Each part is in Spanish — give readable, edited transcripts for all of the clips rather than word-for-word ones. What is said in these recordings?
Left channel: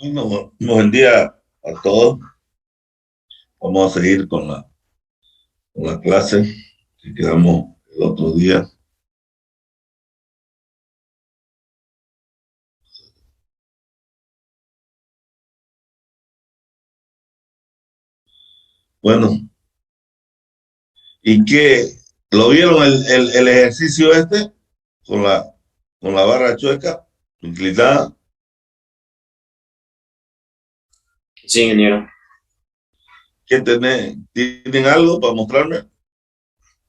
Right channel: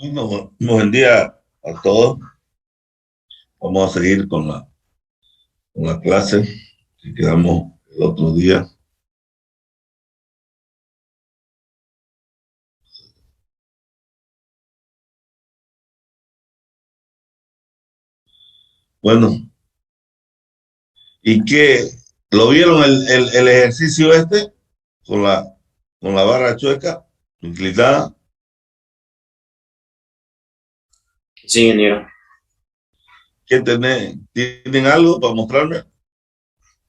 Bueno, buen día a todos. Vamos a seguir con la clase que quedamos el otro día. Bueno, ¿y qué? ¿Lo vieron el ejercicio este con la barra chueca, inclinada? Sí, ingeniero. ¿Tienen algo para mostrarme?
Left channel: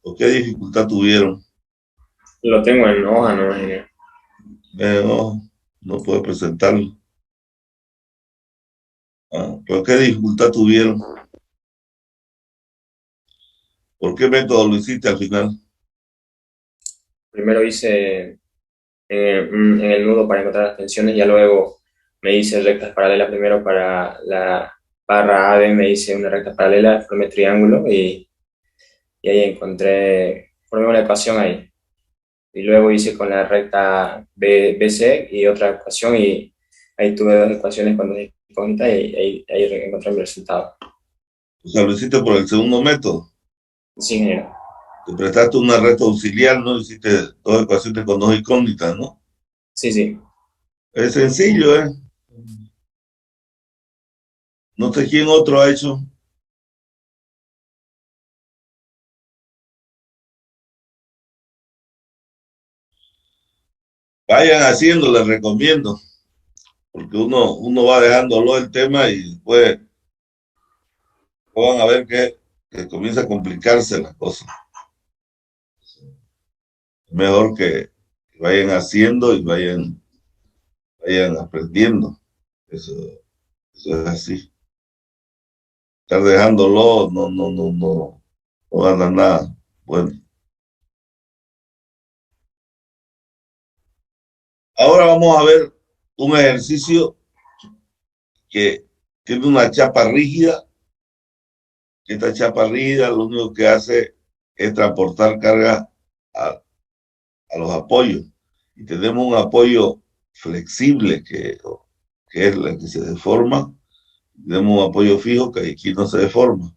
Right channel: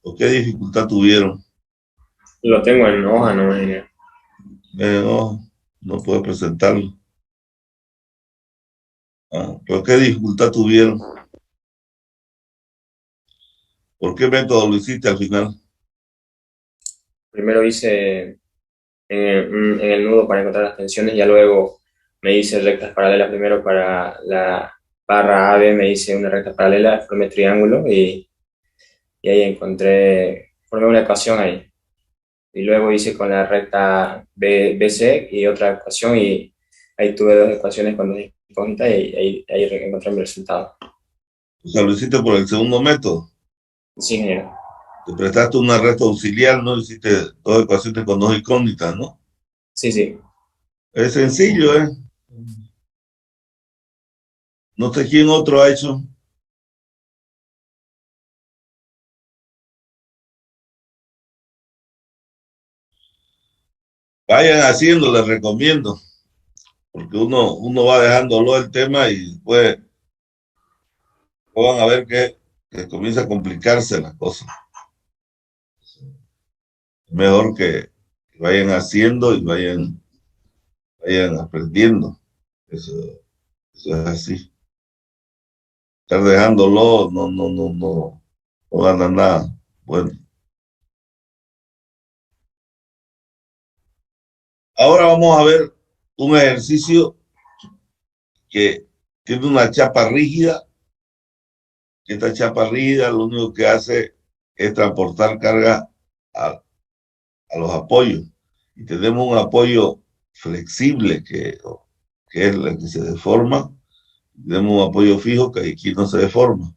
¿O qué dificultad tuvieron? Lo tengo en hoja, no, ingeniero. No, no puedo presentarlo. ¿Pero qué dificultad tuvieron? ¿Por qué método lo hiciste al final? Primero hice en el nudo para encontrar las tensiones, ya luego me hice rectas paralelas primero para la barra AB, me hice una recta paralela, formé triángulo y ahí formé una ecuación ahí. Y luego hice con la recta BC y otra ecuación y ahí tuve dos ecuaciones con dos incógnitas y ahí encontré mi resultado. O sea, lo hiciste por el segundo método. Sí, ingeniero. Te prestaste una recta auxiliar, ¿no? Hiciste dos ecuaciones con dos incógnitas, ¿no? Sí, sí. Es sencillo, ¿eh? No sé quién otro ha hecho. Vayan haciendo, les recomiendo, porque uno va dejándolo el tema y después van a ver que comienza a complicarse la cosa. Mejor que vayan haciendo y vayan aprendiendo. Eso, eso es así. Estar dejándolo, no gana nada. Bueno, ahora vamos a ver un ejercicio que tiene una chapa rígida. Esta chapa rígida lo único que hace es transportar carga a, a los apoyos. Y tenemos un apoyo flexible que es el que se deforma. Tenemos un apoyo fijo que aquí no se deforma.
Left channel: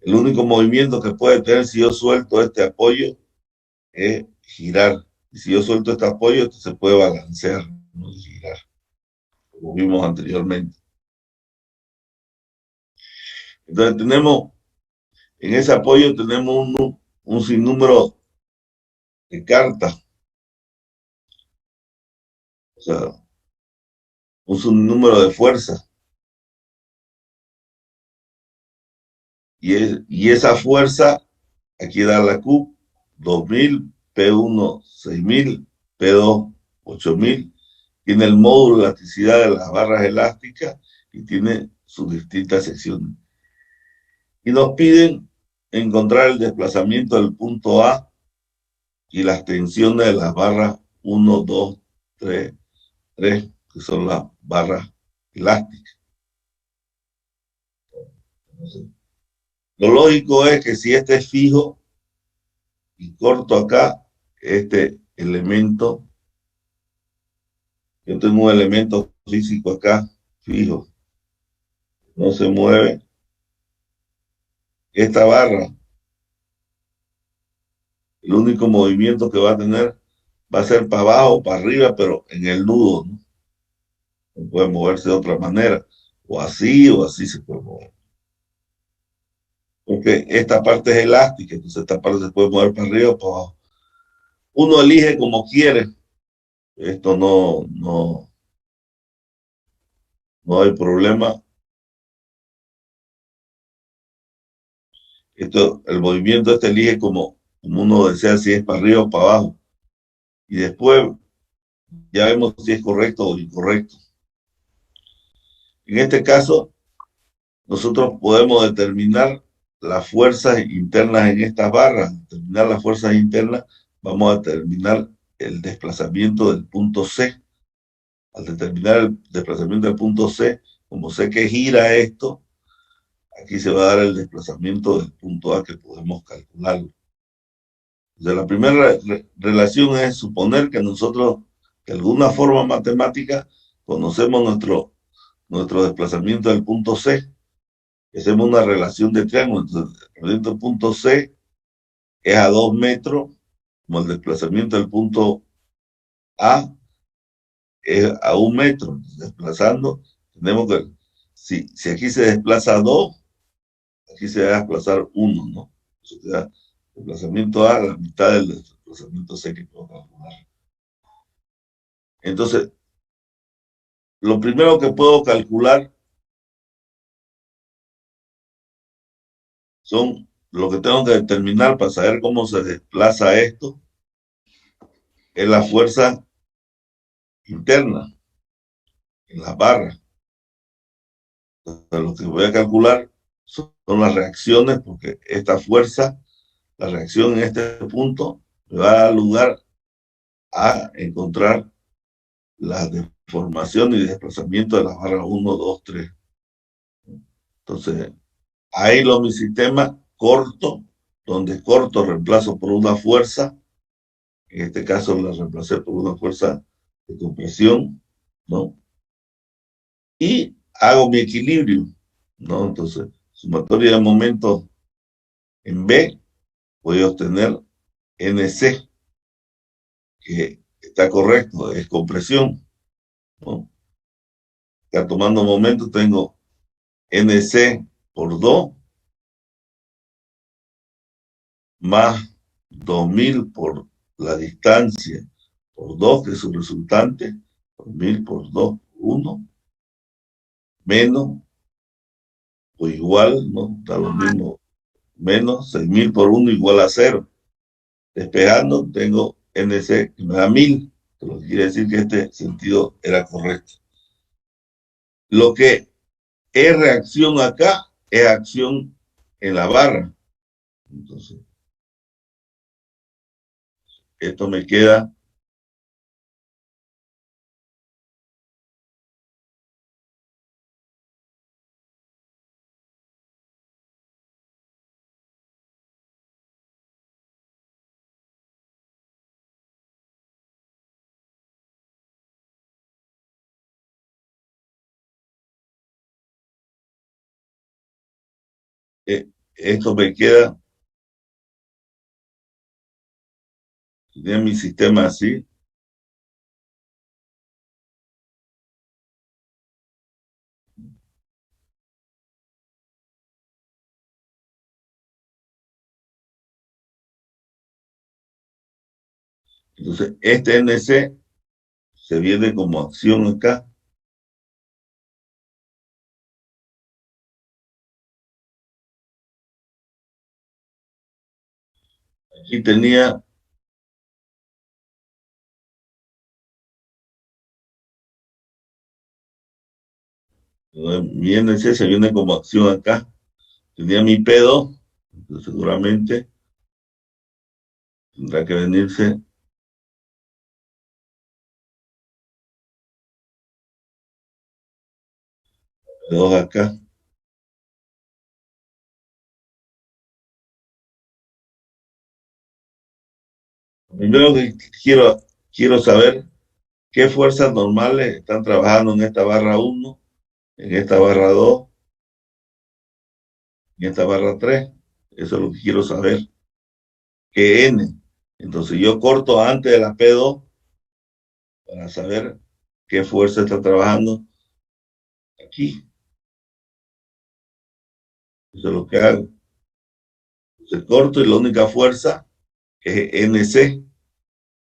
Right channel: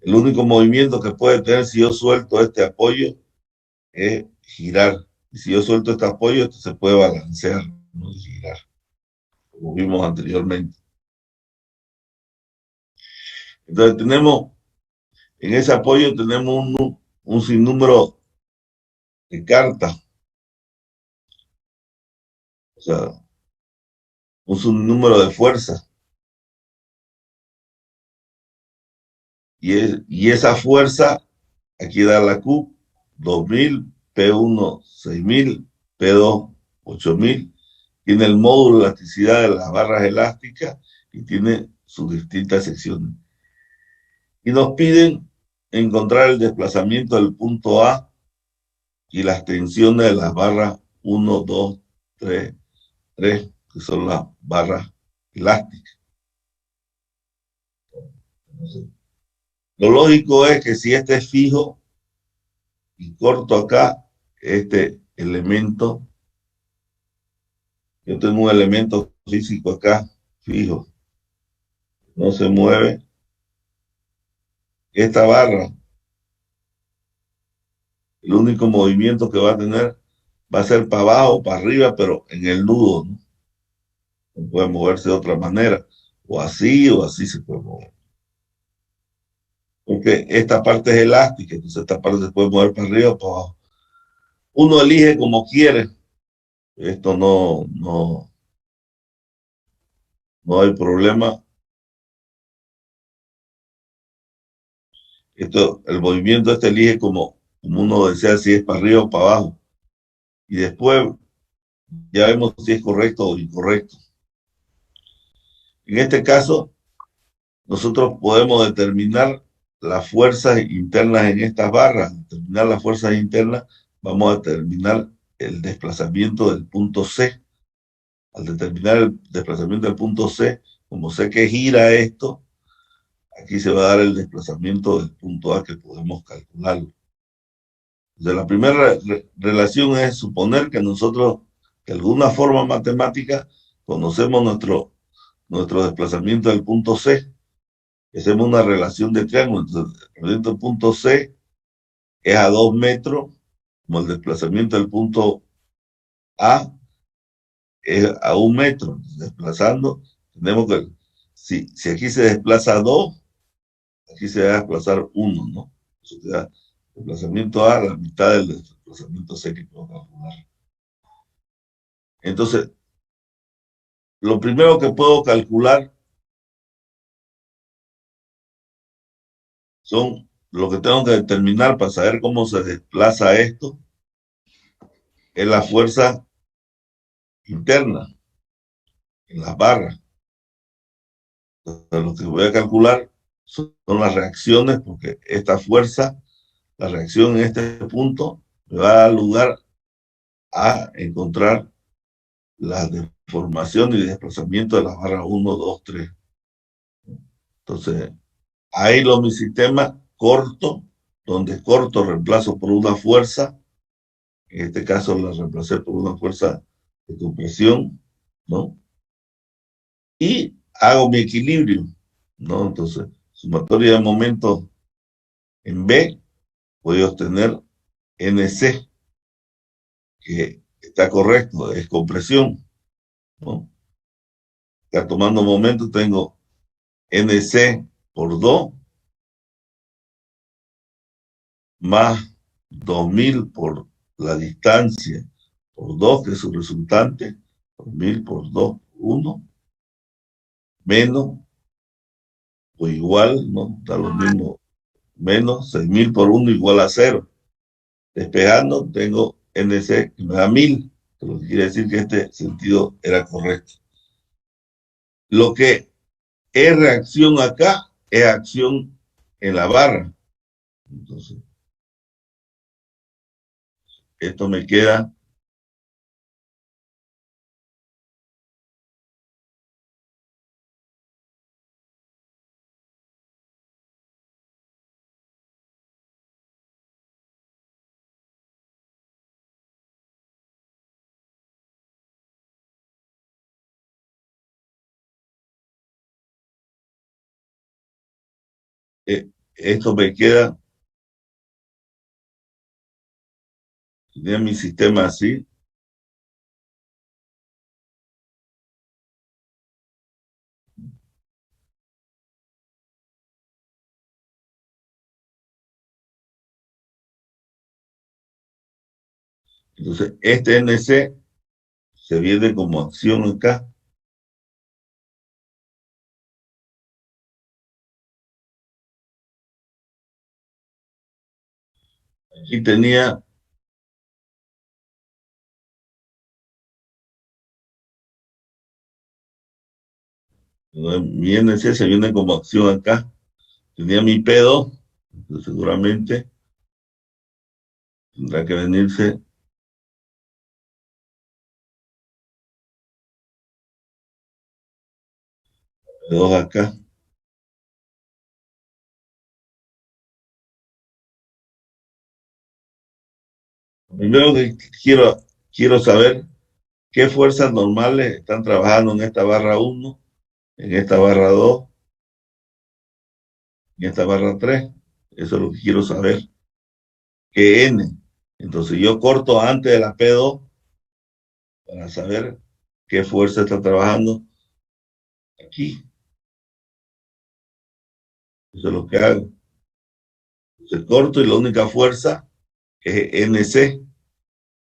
El único movimiento que puede tener si yo suelto este apoyo es girar. Y si yo suelto este apoyo, esto se puede balancear, no girar, como vimos anteriormente. Entonces en ese apoyo tenemos un sinnúmero de cartas, o sea, un sinnúmero de fuerzas. Y esa fuerza, aquí da la Q, 2000, P1, 6000, P2, 8000. Tiene el módulo de elasticidad de las barras elásticas y tiene sus distintas secciones. Y nos piden encontrar el desplazamiento del punto A y las tensiones de las barras 1, 2, 3, 3, que son las barras elásticas. Lo lógico es que si este es fijo y corto acá, este elemento, yo tengo un elemento físico acá, fijo, no se mueve. Esta barra, el único movimiento que va a tener va a ser para abajo, para arriba, pero en el nudo, ¿no? No puede moverse de otra manera, o así se puede mover. Porque esta parte es elástica, entonces esta parte se puede mover para arriba o para abajo. Uno elige como quiere, esto no hay problema. El movimiento este elige como uno desea, si es para arriba o para abajo. Y después ya vemos si es correcto o incorrecto. En este caso, nosotros podemos determinar las fuerzas internas en estas barras. Determinar las fuerzas internas, vamos a determinar el desplazamiento del punto C. Al determinar el desplazamiento del punto C, como sé que gira esto, aquí se va a dar el desplazamiento del punto A que podemos calcularlo. Entonces, la primera relación es suponer que nosotros, de alguna forma matemática, conocemos nuestro desplazamiento del punto C. Hacemos una relación de triángulo. Entonces, el punto C es a 2 metros, como el desplazamiento del punto A es a 1 metro. Entonces, desplazando, tenemos que, si aquí se desplaza 2, aquí se va a desplazar 1, ¿no? Eso te da desplazamiento A, la mitad del desplazamiento C que puedo calcular. Entonces, lo primero que puedo calcular son lo que tengo que determinar para saber cómo se desplaza esto, es la fuerza interna en las barras. Entonces, lo que voy a calcular son las reacciones, porque esta fuerza, la reacción en este punto, me va a dar lugar a encontrar la deformación y desplazamiento de las barras 1, 2, 3. Entonces, ahí mi sistema corto, donde corto reemplazo por una fuerza, en este caso la reemplacé por una fuerza de compresión, ¿no? Y hago mi equilibrio, ¿no? Entonces, sumatoria de momentos en B, voy a obtener NC, que está correcto, es compresión, ¿no? Ya tomando momentos, tengo NC por 2 más 2000 por la distancia por 2, que es su resultante, 2000 por 2, 1, menos o igual, ¿no? Da lo mismo, menos 6000 por 1 igual a 0. Despejando, tengo NC que me da 1000, lo que quiere decir que este sentido era correcto. Lo que es reacción acá es acción en la barra. Entonces, esto me queda esto me queda en mi sistema así. Entonces, este NC se viene como acción acá. Aquí tenía mi NC se viene como acción acá. Tenía mi P2, entonces seguramente tendrá que venirse P2 acá. Primero que quiero saber qué fuerzas normales están trabajando en esta barra 1, en esta barra 2, en esta barra 3. Eso es lo que quiero saber. ¿Qué N? Entonces yo corto antes de la P2 para saber qué fuerza está trabajando aquí. Eso es lo que hago. Entonces corto y la única fuerza es NC.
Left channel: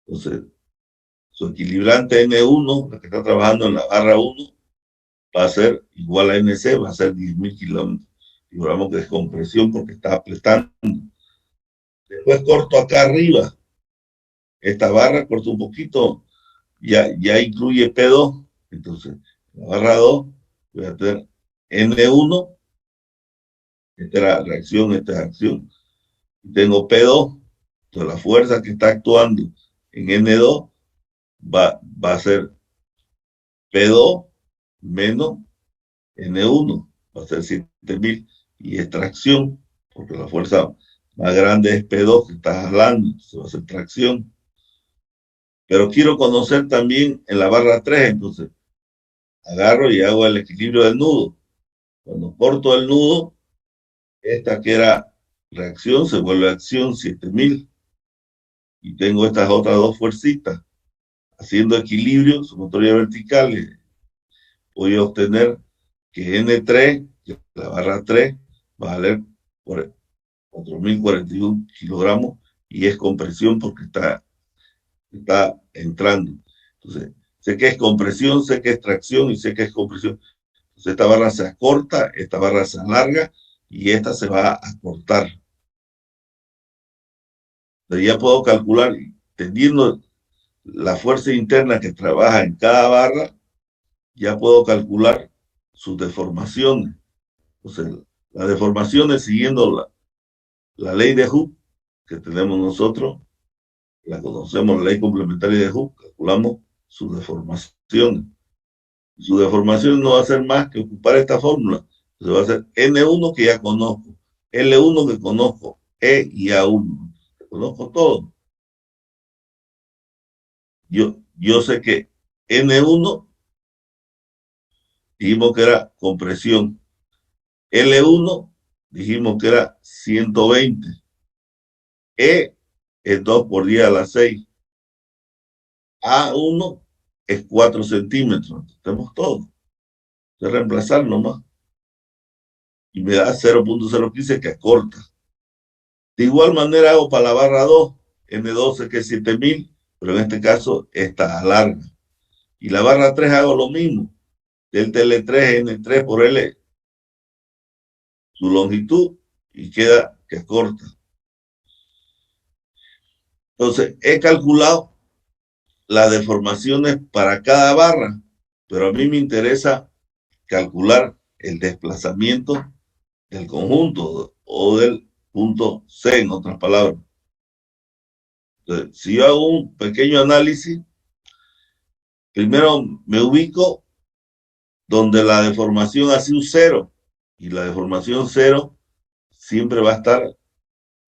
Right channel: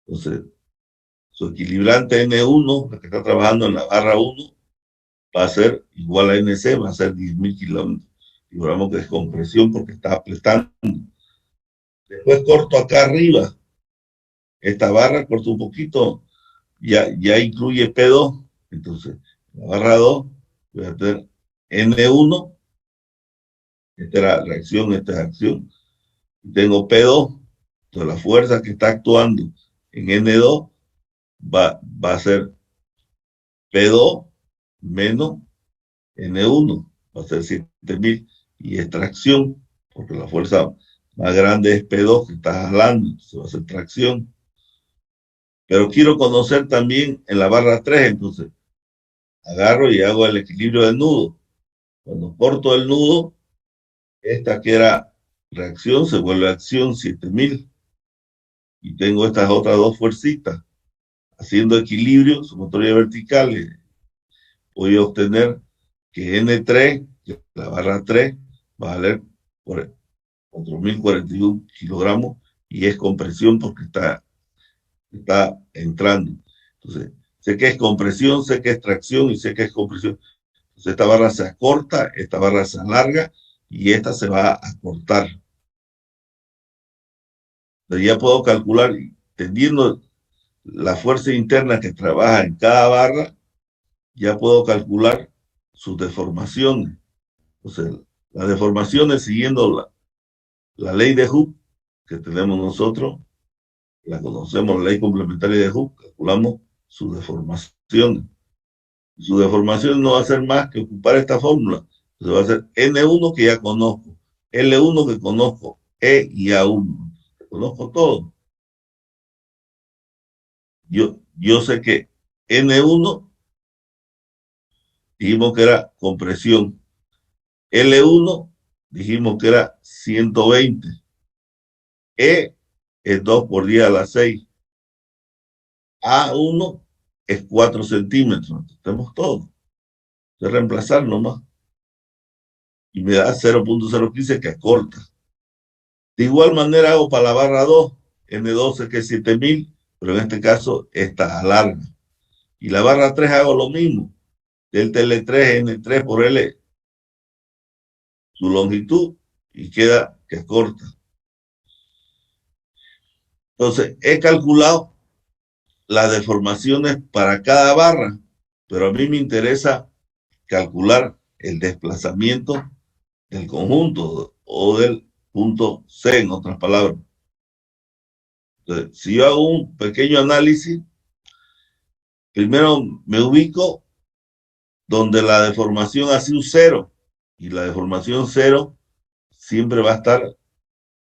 Entonces, su equilibrante N1, la que está trabajando en la barra 1, va a ser igual a NC, va a ser 10.000 kilómetros. Y hablamos que es compresión porque está apretando. Después corto acá arriba. Esta barra corto un poquito, ya incluye P2. Entonces, la barra 2 voy a tener N1, esta es la reacción, esta es acción. Y tengo P2, entonces la fuerza que está actuando en N2 va a ser P2 menos N1, va a ser 7000, y extracción, porque la fuerza más grande es P2 que está jalando, entonces va a ser tracción. Pero quiero conocer también en la barra 3, entonces, agarro y hago el equilibrio del nudo. Cuando corto el nudo, esta que era reacción se vuelve acción 7000. Y tengo estas otras dos fuercitas. Haciendo equilibrio, sumatoria vertical, voy a obtener que N3, que la barra 3, va a valer por 4.041 kilogramos y es compresión porque está entrando. Entonces, sé que es compresión, sé que es tracción y sé que es compresión. Entonces, esta barra se acorta, esta barra se alarga y esta se va a acortar. Entonces, ya puedo calcular, teniendo la fuerza interna que trabaja en cada barra, ya puedo calcular sus deformaciones. Entonces, las deformaciones siguiendo la ley de Hooke que tenemos nosotros, la conocemos, la ley complementaria de Hooke, calculamos sus deformaciones. Su deformación no va a ser más que ocupar esta fórmula. Entonces va a ser N1 que ya conozco, L1 que conozco, E y A1. Conozco todo. Yo sé que N1 dijimos que era compresión. L1 dijimos que era 120. E es 2 por 10 a la 6. A1 es 4 centímetros. Tenemos todo. De reemplazar nomás. Y me da 0.015 que acorta. De igual manera hago para la barra 2, N12 que es 7000, pero en este caso esta alarga. Y la barra 3 hago lo mismo. Delta L3, N3 por L, su longitud, y queda que acorta. Entonces, he calculado las deformaciones para cada barra, pero a mí me interesa calcular el desplazamiento del conjunto o del punto C, en otras palabras. Entonces, si yo hago un pequeño análisis, primero me ubico donde la deformación ha sido cero, y la deformación cero siempre va a estar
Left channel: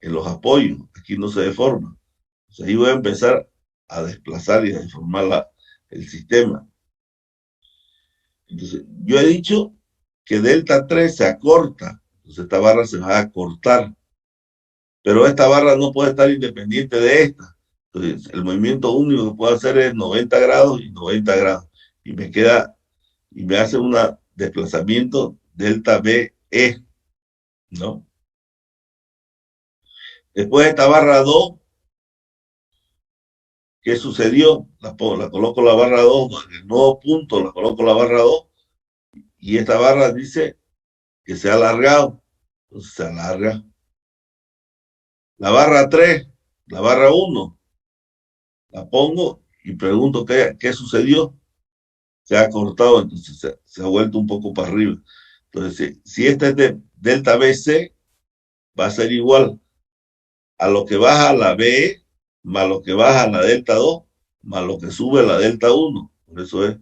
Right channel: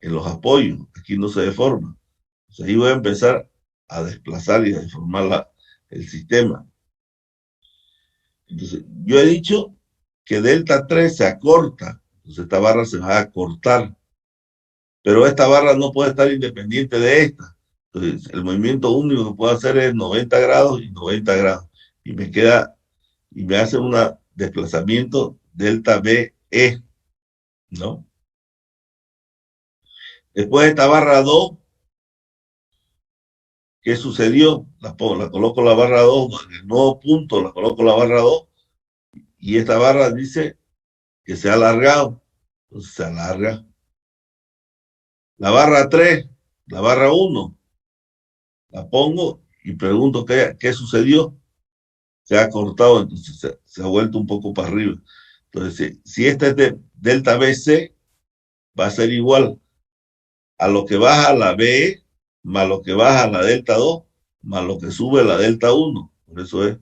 en los apoyos, aquí no se deforma. Entonces, ahí voy a empezar a desplazar y a deformar el sistema. Entonces, yo he dicho que delta 3 se acorta, entonces esta barra se va a cortar, pero esta barra no puede estar independiente de esta. Entonces, el movimiento único que puedo hacer es 90 grados y 90 grados, y me queda, y me hace un desplazamiento delta BE, ¿no? Después de esta barra 2, ¿qué sucedió? La coloco la barra 2, en el nuevo punto la coloco la barra 2, y esta barra dice que se ha alargado, entonces se alarga. La barra 3, la barra 1, la pongo y pregunto qué sucedió. Se ha cortado, entonces se ha vuelto un poco para arriba. Entonces, si este es de delta BC, va a ser igual a lo que baja la BE más lo que baja la delta 2 más lo que sube la delta 1. Por eso es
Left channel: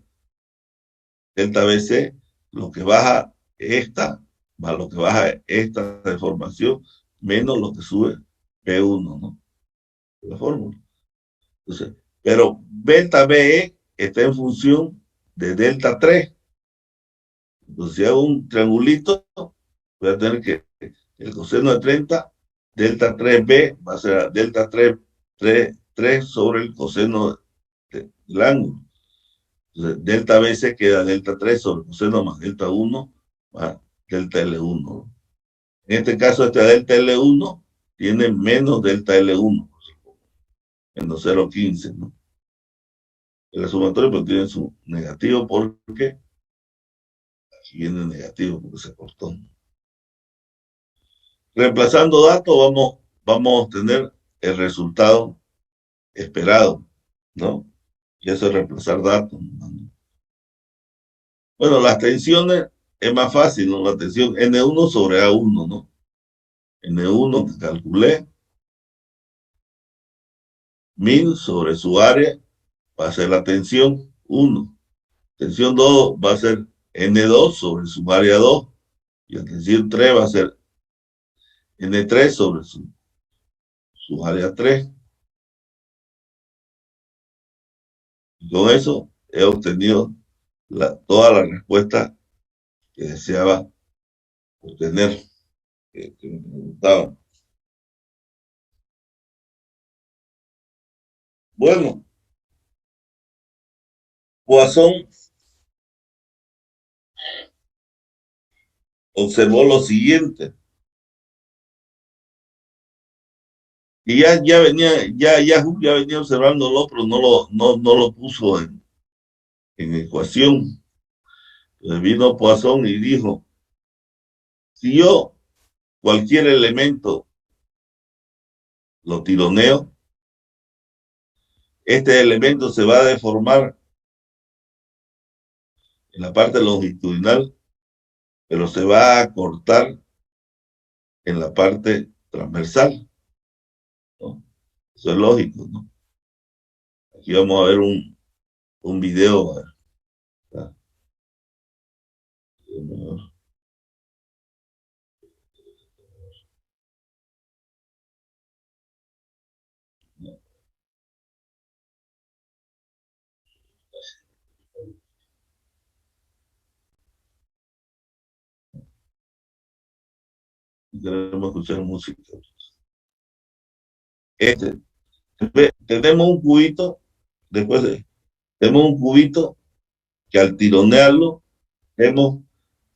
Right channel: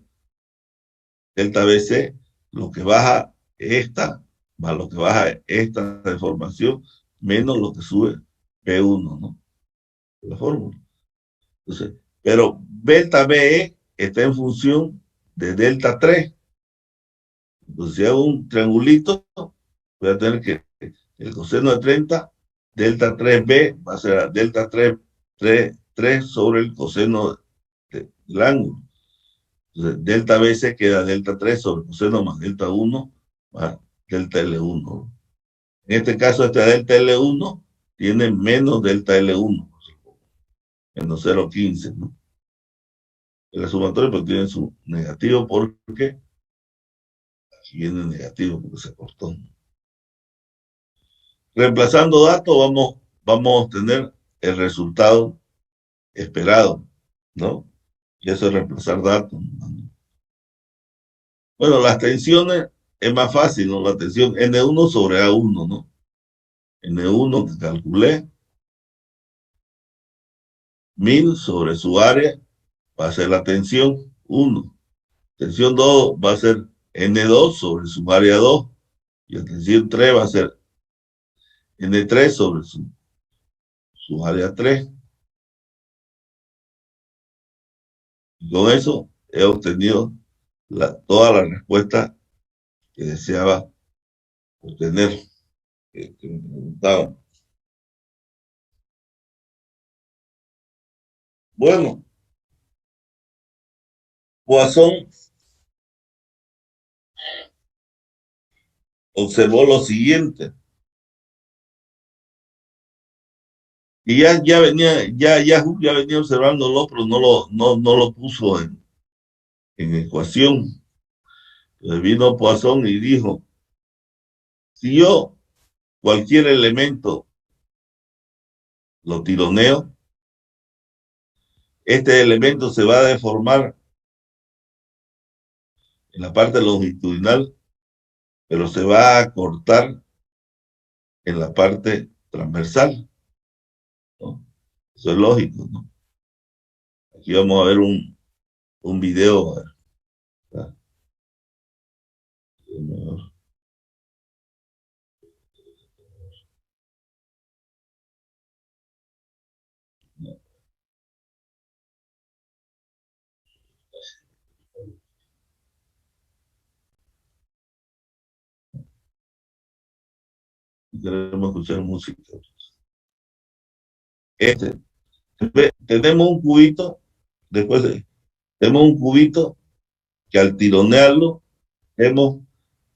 delta BC, lo que baja esta más lo que baja esta deformación menos lo que sube P1, ¿no? La fórmula. Entonces, pero delta BE está en función de delta 3. Entonces, si hago un triangulito, voy a tener que el coseno de 30, delta 3B va a ser delta 3 sobre el coseno del ángulo. Entonces, delta B se queda delta 3 sobre el coseno más delta 1 más delta L1. En este caso, este delta L1 tiene menos delta L1, menos 0.15, ¿no? El sumatorio pero tiene su negativo porque aquí viene negativo porque se cortó. Reemplazando datos, vamos a obtener el resultado esperado, ¿no? Y eso es reemplazar datos, ¿no? Bueno, las tensiones es más fácil, ¿no? La tensión N1 sobre A1, ¿no? N1 que calculé, 1000 sobre su área, va a ser la tensión 1. Tensión 2 va a ser N2 sobre su área 2. Y la tensión 3 va a ser N3 sobre su área 3. Y con eso he obtenido toda la respuesta que deseaba obtener, que me preguntaban. Bueno, Poisson observó lo siguiente, y ya venía, ya venía observándolo, pero no lo puso en ecuación. Entonces vino Poisson y dijo, si yo cualquier elemento lo tironeo, este elemento se va a deformar en la parte longitudinal, pero se va a cortar en la parte transversal, ¿no? Eso es lógico, ¿no? Aquí vamos a ver un video. ¿Verdad? Queremos escuchar música. Tenemos un cubito, después tenemos un cubito que al tironearlo, vemos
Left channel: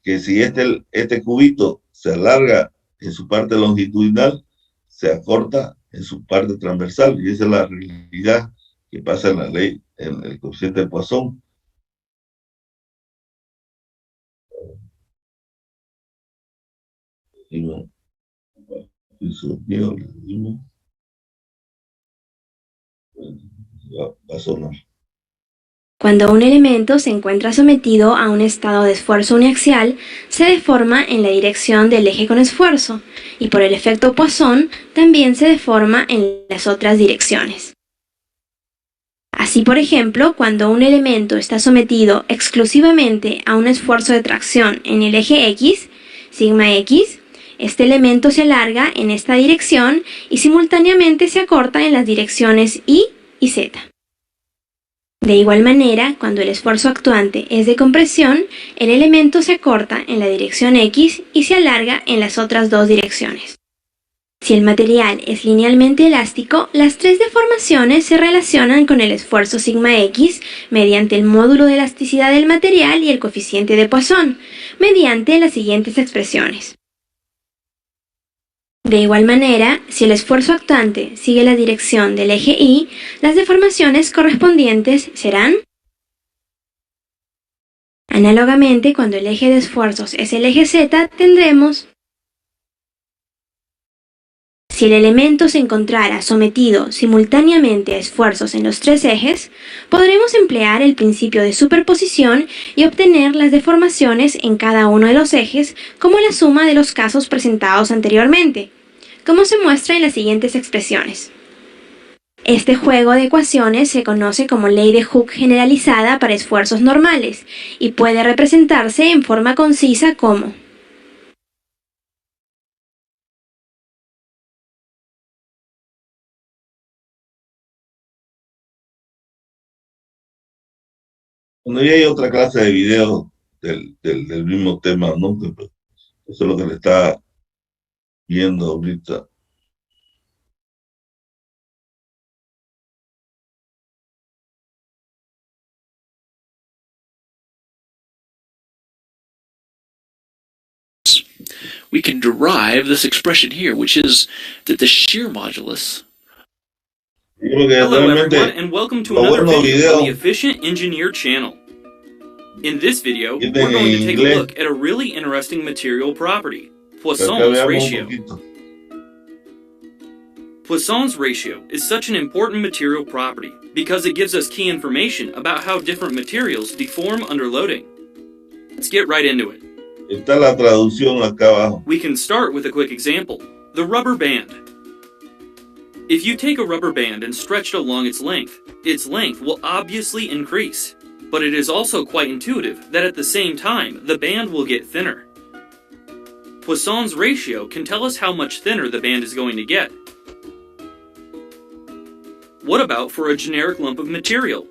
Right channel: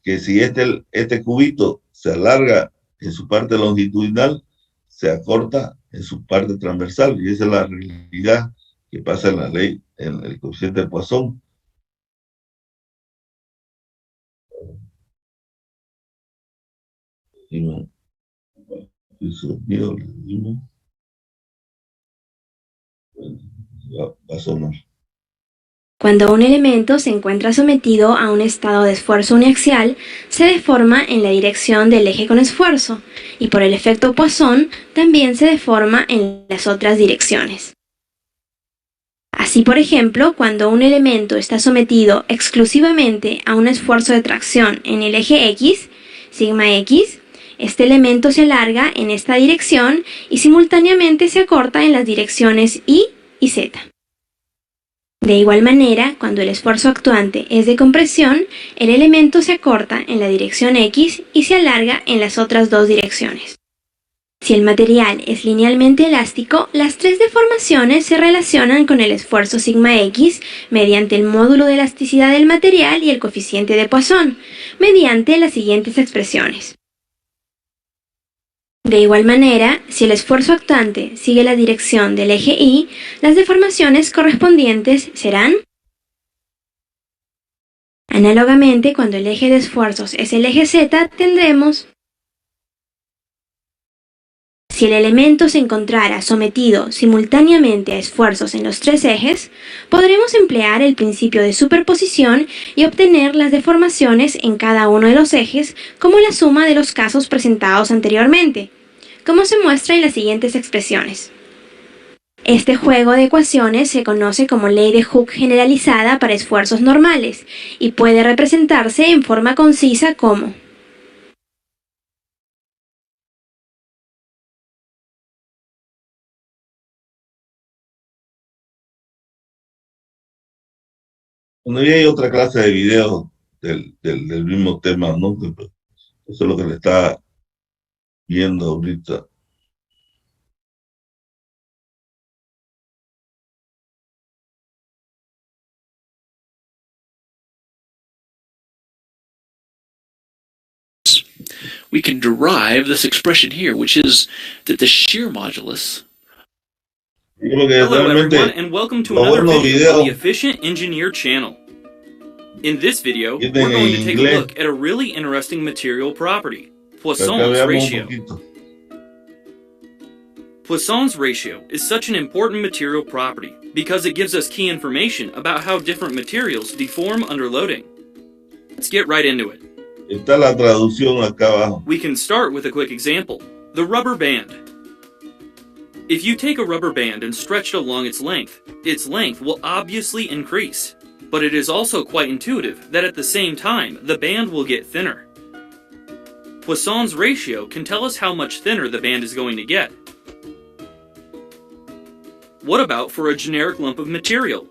que si este cubito se alarga en su parte longitudinal, se acorta en su parte transversal, y esa es la realidad que pasa en la ley, en el coeficiente de Poisson. Va a sonar. Cuando un elemento se encuentra sometido a un estado de esfuerzo uniaxial, se deforma en la dirección del eje con esfuerzo, y por el efecto Poisson también se deforma en las otras direcciones. Así, por ejemplo, cuando un elemento está sometido exclusivamente a un esfuerzo de tracción en el eje X, sigma X, este elemento se alarga en esta dirección y simultáneamente se acorta en las direcciones Y y Z. De igual manera, cuando el esfuerzo actuante es de compresión, el elemento se acorta en la dirección X y se alarga en las otras dos direcciones. Si el material es linealmente elástico, las tres deformaciones se relacionan con el esfuerzo sigma X mediante el módulo de elasticidad del material y el coeficiente de Poisson, mediante las siguientes expresiones. De igual manera, si el esfuerzo actuante sigue la dirección del eje Y, las deformaciones correspondientes serán. Análogamente, cuando el eje de esfuerzos es el eje Z, tendremos. Si el elemento se encontrara sometido simultáneamente a esfuerzos en los tres ejes, podremos emplear el principio de superposición y obtener las deformaciones en cada uno de los ejes como la suma de los casos presentados anteriormente, como se muestra en las siguientes expresiones. Este juego de ecuaciones se conoce como ley de Hooke generalizada para esfuerzos normales y puede representarse en forma concisa como Bueno, y hay otra clase de videos del mismo tema, ¿no? Eso es lo que le está viendo ahorita. We can derive this expression here, which is that the shear modulus. Hello everyone, and welcome to another video on the Efficient Engineer channel. In this video, we're going to take a look at a really interesting material property, Poisson's ratio. Poisson's ratio is such an important material property because it gives us key information about how different materials deform under loading. Let's get right into it. Está la traducción acá abajo. We can start with a quick example, the rubber band. If you take a rubber band and stretch it along its length will obviously increase, but it is also quite intuitive that at the same time, the band will get thinner. Poisson's ratio can tell us how much thinner the band is going to get. What about for a generic lump of material?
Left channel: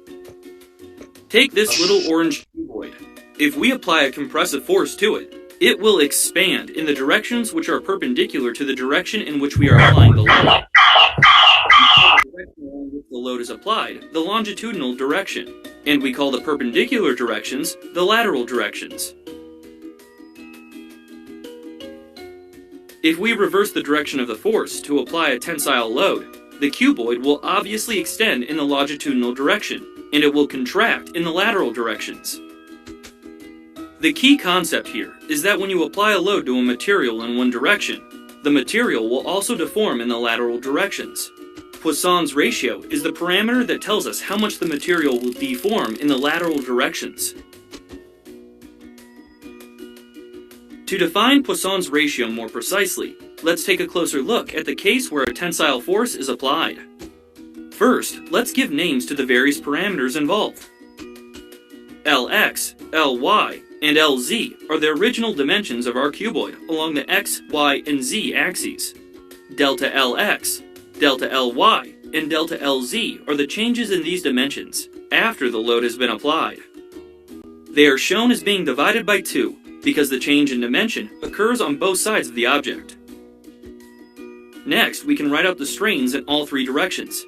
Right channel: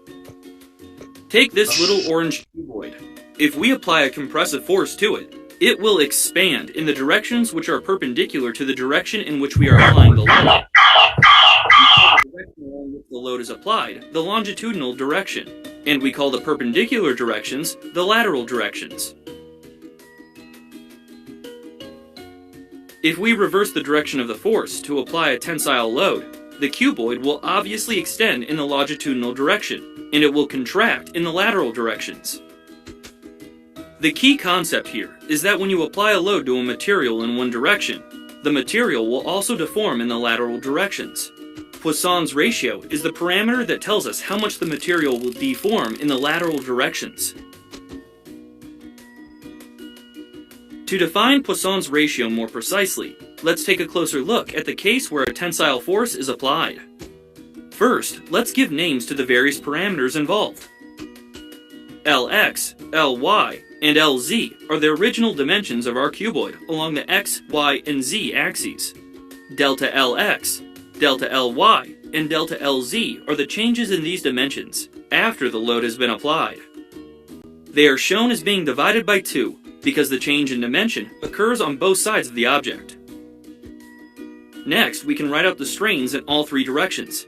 Take this little orange cuboid. If we apply a compressive force to it, it will expand in the directions which are perpendicular to the direction in which we are applying the load. The direction along which the load is applied, the longitudinal direction, and we call the perpendicular directions the lateral directions. If we reverse the direction of the force to apply a tensile load, the cuboid will obviously extend in the longitudinal direction, and it will contract in the lateral directions. The key concept here is that when you apply a load to a material in one direction, the material will also deform in the lateral directions. Poisson's ratio is the parameter that tells us how much the material will deform in the lateral directions. To define Poisson's ratio more precisely, let's take a closer look at the case where a tensile force is applied. First, let's give names to the various parameters involved. Lx, Ly, and Lz are the original dimensions of our cuboid along the x, y, and z axes. Delta Lx, delta Ly, and delta Lz are the changes in these dimensions after the load has been applied. They are shown as being divided by 2 because the change in dimension occurs on both sides of the object. Next, we can write out the strains in all 3 directions.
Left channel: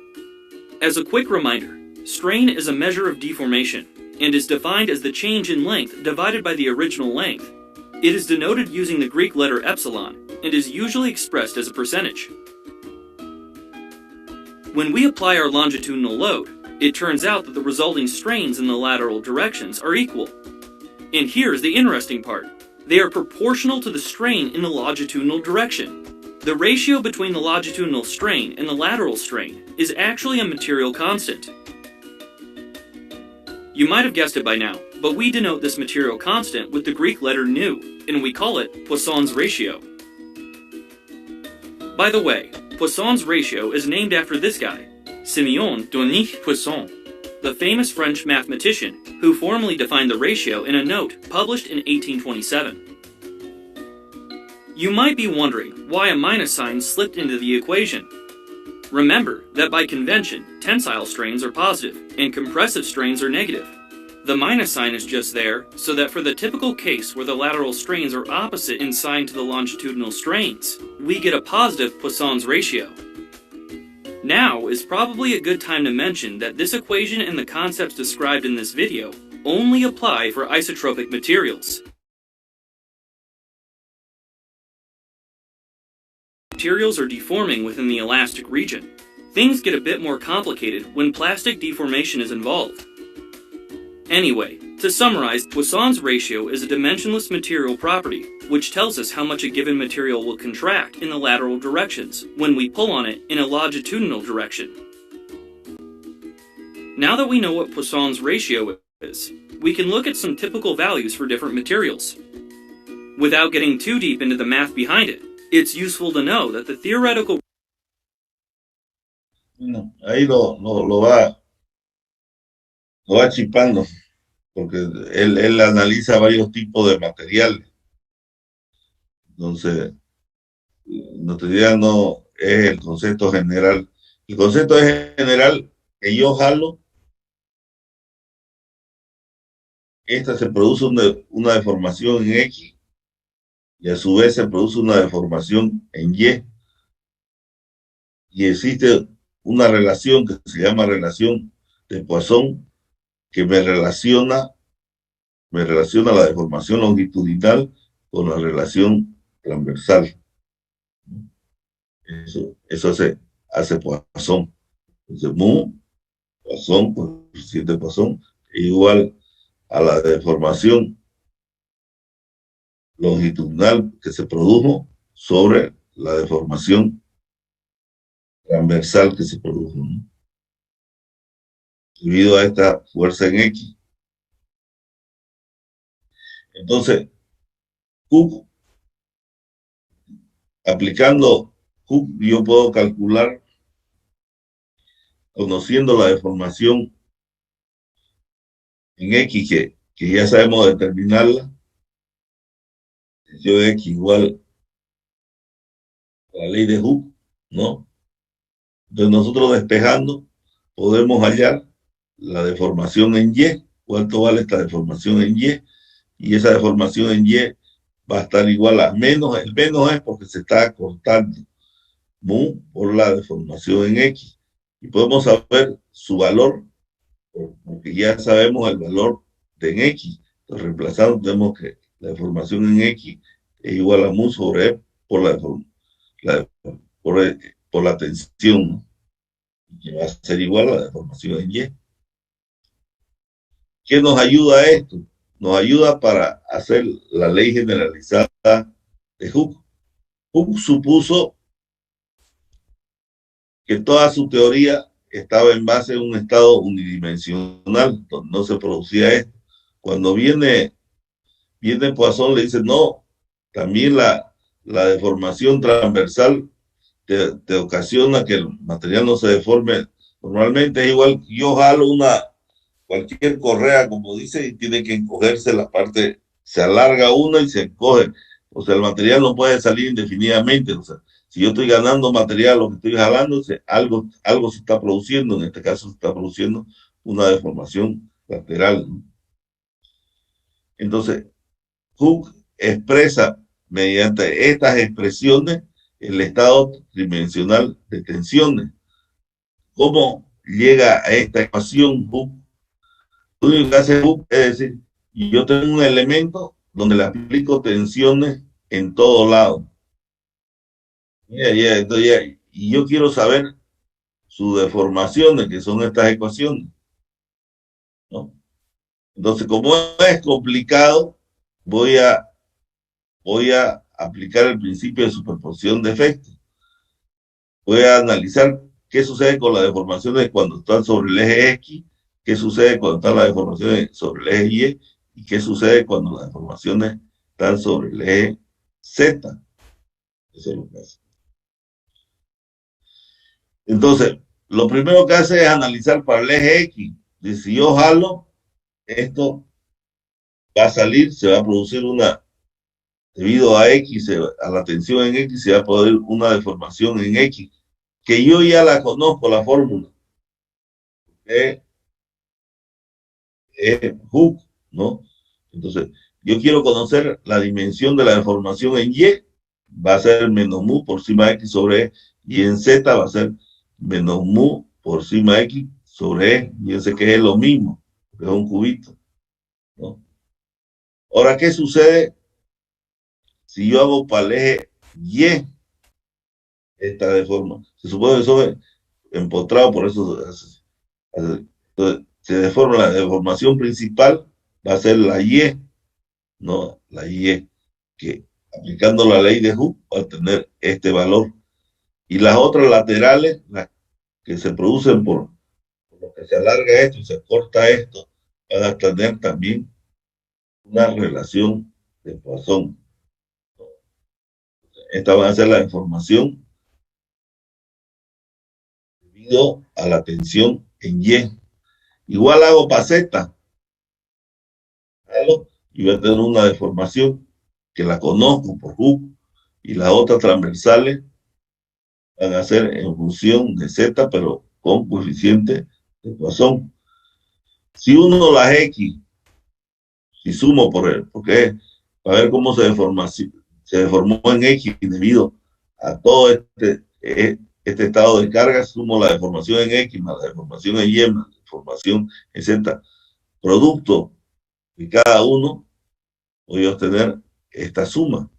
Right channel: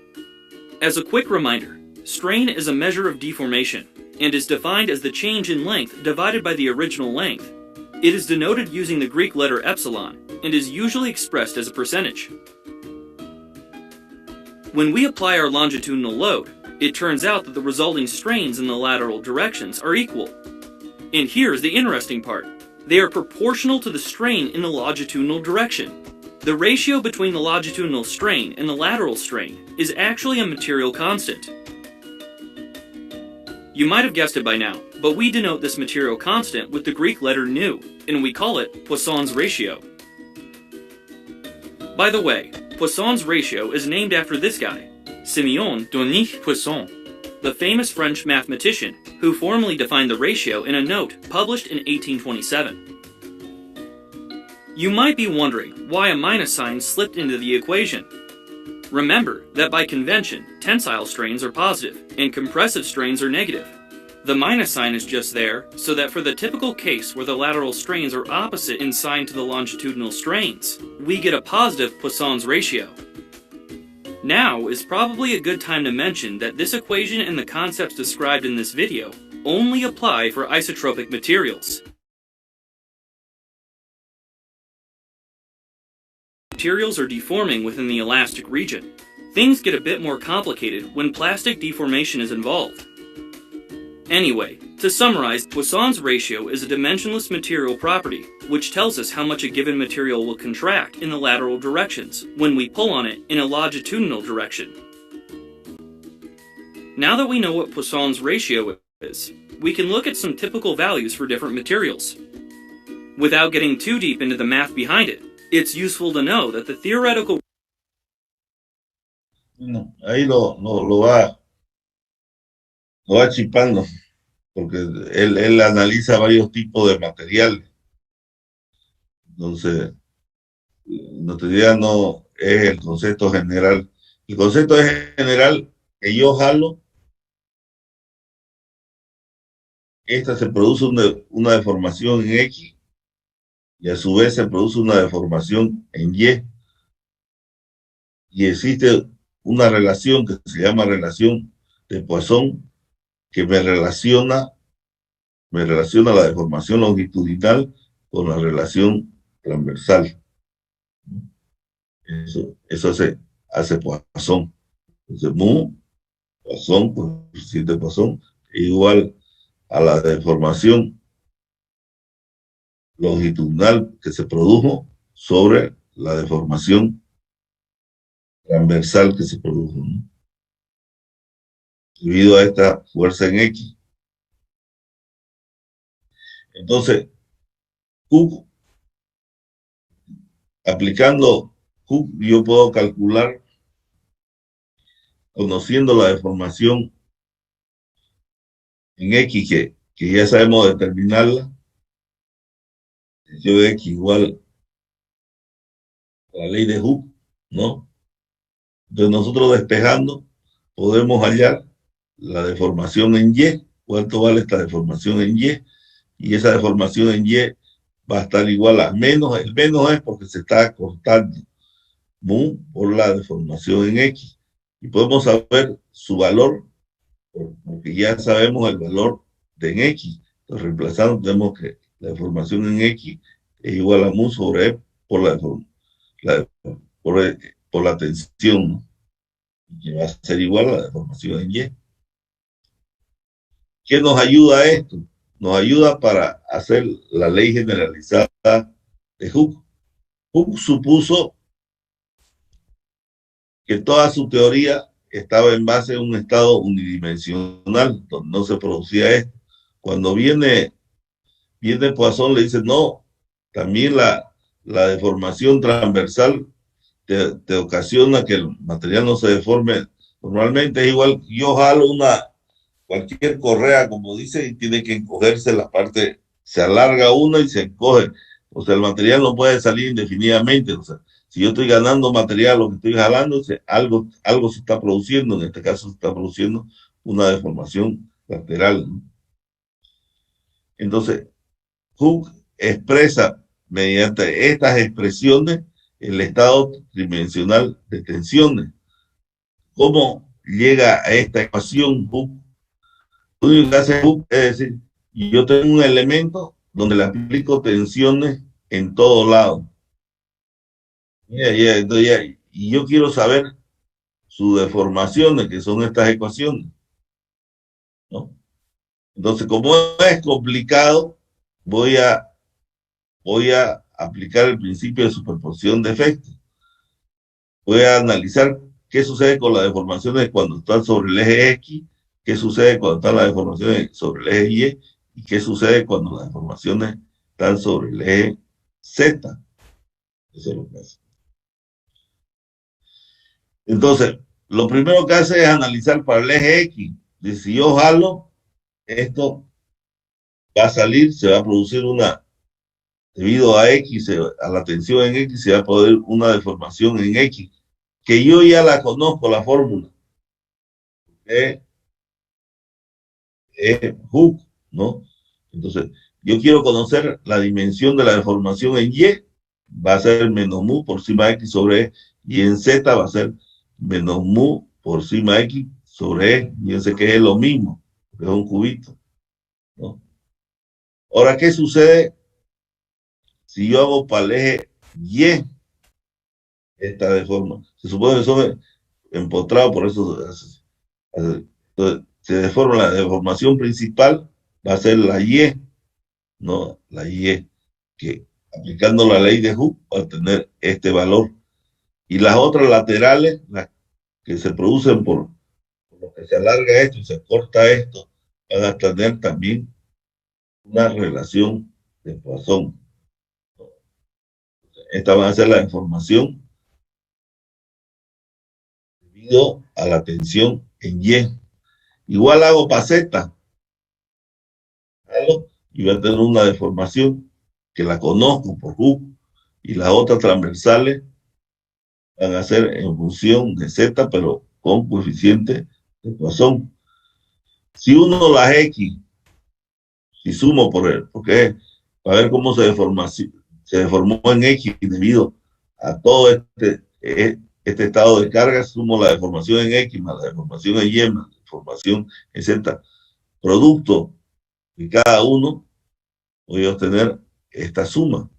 As a quick reminder, strain is a measure of deformation and is defined as the change in length divided by the original length. It is denoted using the Greek letter epsilon and is usually expressed as a percentage. When we apply our longitudinal load, it turns out that the resulting strains in the lateral directions are equal. And here's the interesting part. They are proportional to the strain in the longitudinal direction. The ratio between the longitudinal strain and the lateral strain is actually a material constant. You might have guessed it by now, but we denote this material constant with the Greek letter nu, and we call it Poisson's ratio. By the way, Poisson's ratio is named after this guy, Simeon Denis Poisson, the famous French mathematician who formally defined the ratio in a note published in 1827. You might be wondering why a minus sign slipped into the equation. Remember that by convention, tensile strains are positive and compressive strains are negative. The minus sign is just there so that for the typical case where the lateral strains are opposite in sign to the longitudinal strains, we get a positive Poisson's ratio. Now is probably a good time to mention that this equation and the concepts described in this video only apply for isotropic materials. Materials are deforming within the elastic region. Things get a bit more complicated when plastic deformation is involved. Anyway, to summarize, Poisson's ratio is a dimensionless material property, which tells us how much a given material will contract in the lateral directions when we pull on it in a longitudinal direction. Now that we know what Poisson's ratio is, we can look at some typical values for different materials. Without getting too deep into the math behind it, it's useful to know that the theoretical... Ahí lo va chipando, porque él analiza varios tipos de materiales. Entonces, nuestra idea no es el concepto general. El concepto es general que yo jalo. Esta se produce una deformación en X y a su vez se produce una deformación en Y. Y existe una relación que se llama relación de Poisson, que me relaciona la deformación longitudinal con la relación transversal. Eso hace Poisson. Entonces, Poisson, coeficiente de Poisson, igual a la deformación longitudinal que se produjo sobre la deformación transversal que se produjo, ¿no? Debido a esta fuerza en X. Entonces, Hooke, aplicando Hooke, yo puedo calcular, conociendo la deformación en X, que ya sabemos determinarla, yo de X igual a la ley de Hooke, ¿no? Entonces nosotros despejando podemos hallar la deformación en Y cuánto vale esta deformación en Y, y esa deformación en Y va a estar igual a menos, el menos es porque se está cortando mu por la deformación en X. Y podemos saber su valor, porque ya sabemos el valor de en X. Entonces, reemplazando, tenemos que la deformación en X es igual a mu sobre E por la, por, por la tensión, ¿no? Que va a ser igual a la deformación en Y. ¿Qué nos ayuda a esto? Nos ayuda para hacer la ley generalizada de Hooke. Hooke supuso que toda su teoría estaba en base a un estado unidimensional, donde no se producía esto. Cuando viene Poisson, le dice, no, también la deformación transversal te ocasiona que el material no se deforme. Normalmente es igual, yo jalo cualquier correa, como dice, y tiene que encogerse la parte, se alarga una y se encoge. O sea, el material no puede salir indefinidamente. O sea, si yo estoy ganando material, lo que estoy jalando, algo se está produciendo. En este caso se está produciendo una deformación lateral, ¿no? Entonces, Hooke expresa mediante estas expresiones el estado tridimensional de tensiones. ¿Cómo llega a esta ecuación Hooke? Lo único que hace Hooke es decir, yo tengo un elemento donde le aplico tensiones en todo lado. Y yo quiero saber sus deformaciones, que son estas ecuaciones, ¿no? Entonces, como es complicado, voy a aplicar el principio de superposición de efectos. Voy a analizar qué sucede con las deformaciones cuando están sobre el eje X, qué sucede cuando están las deformaciones sobre el eje Y qué sucede cuando las deformaciones están sobre el eje Z. Eso es lo que hace. Entonces, lo primero que hace es analizar para el eje X. Dice, si yo jalo, esto va a salir, se va a producir debido a X, a la tensión en X, se va a poder una deformación en X, que yo ya la conozco, la fórmula. Es Hooke, ¿no? Entonces, yo quiero conocer la dimensión de la deformación en Y, va a ser menos mu por sigma X sobre E, y en Z va a ser menos mu por sigma X sobre E. Fíjense que es lo mismo, es un cubito, ¿no? Ahora, ¿qué sucede si yo hago para el eje Y esta deforma? Se supone que eso es empotrado, por eso entonces, se deforma la deformación principal, va a ser la Y, ¿no? La Y, que aplicando la ley de Hooke va a tener este valor. Y las otras laterales, las que se producen por lo que se alarga esto y se corta esto, van a tener también una relación de Poisson. Esta va a ser la deformación debido a la tensión en Y. Igual hago para Z, y va a tener una deformación que la conozco por Hooke, y las otras transversales van a ser en función de Z, pero con coeficiente de Poisson. Si uno las X, si sumo por él, porque para ver cómo se deformó en X debido a todo este estado de carga, sumo la deformación en X más la deformación en Y más la deformación en Z, producto de cada uno, voy a obtener esta suma.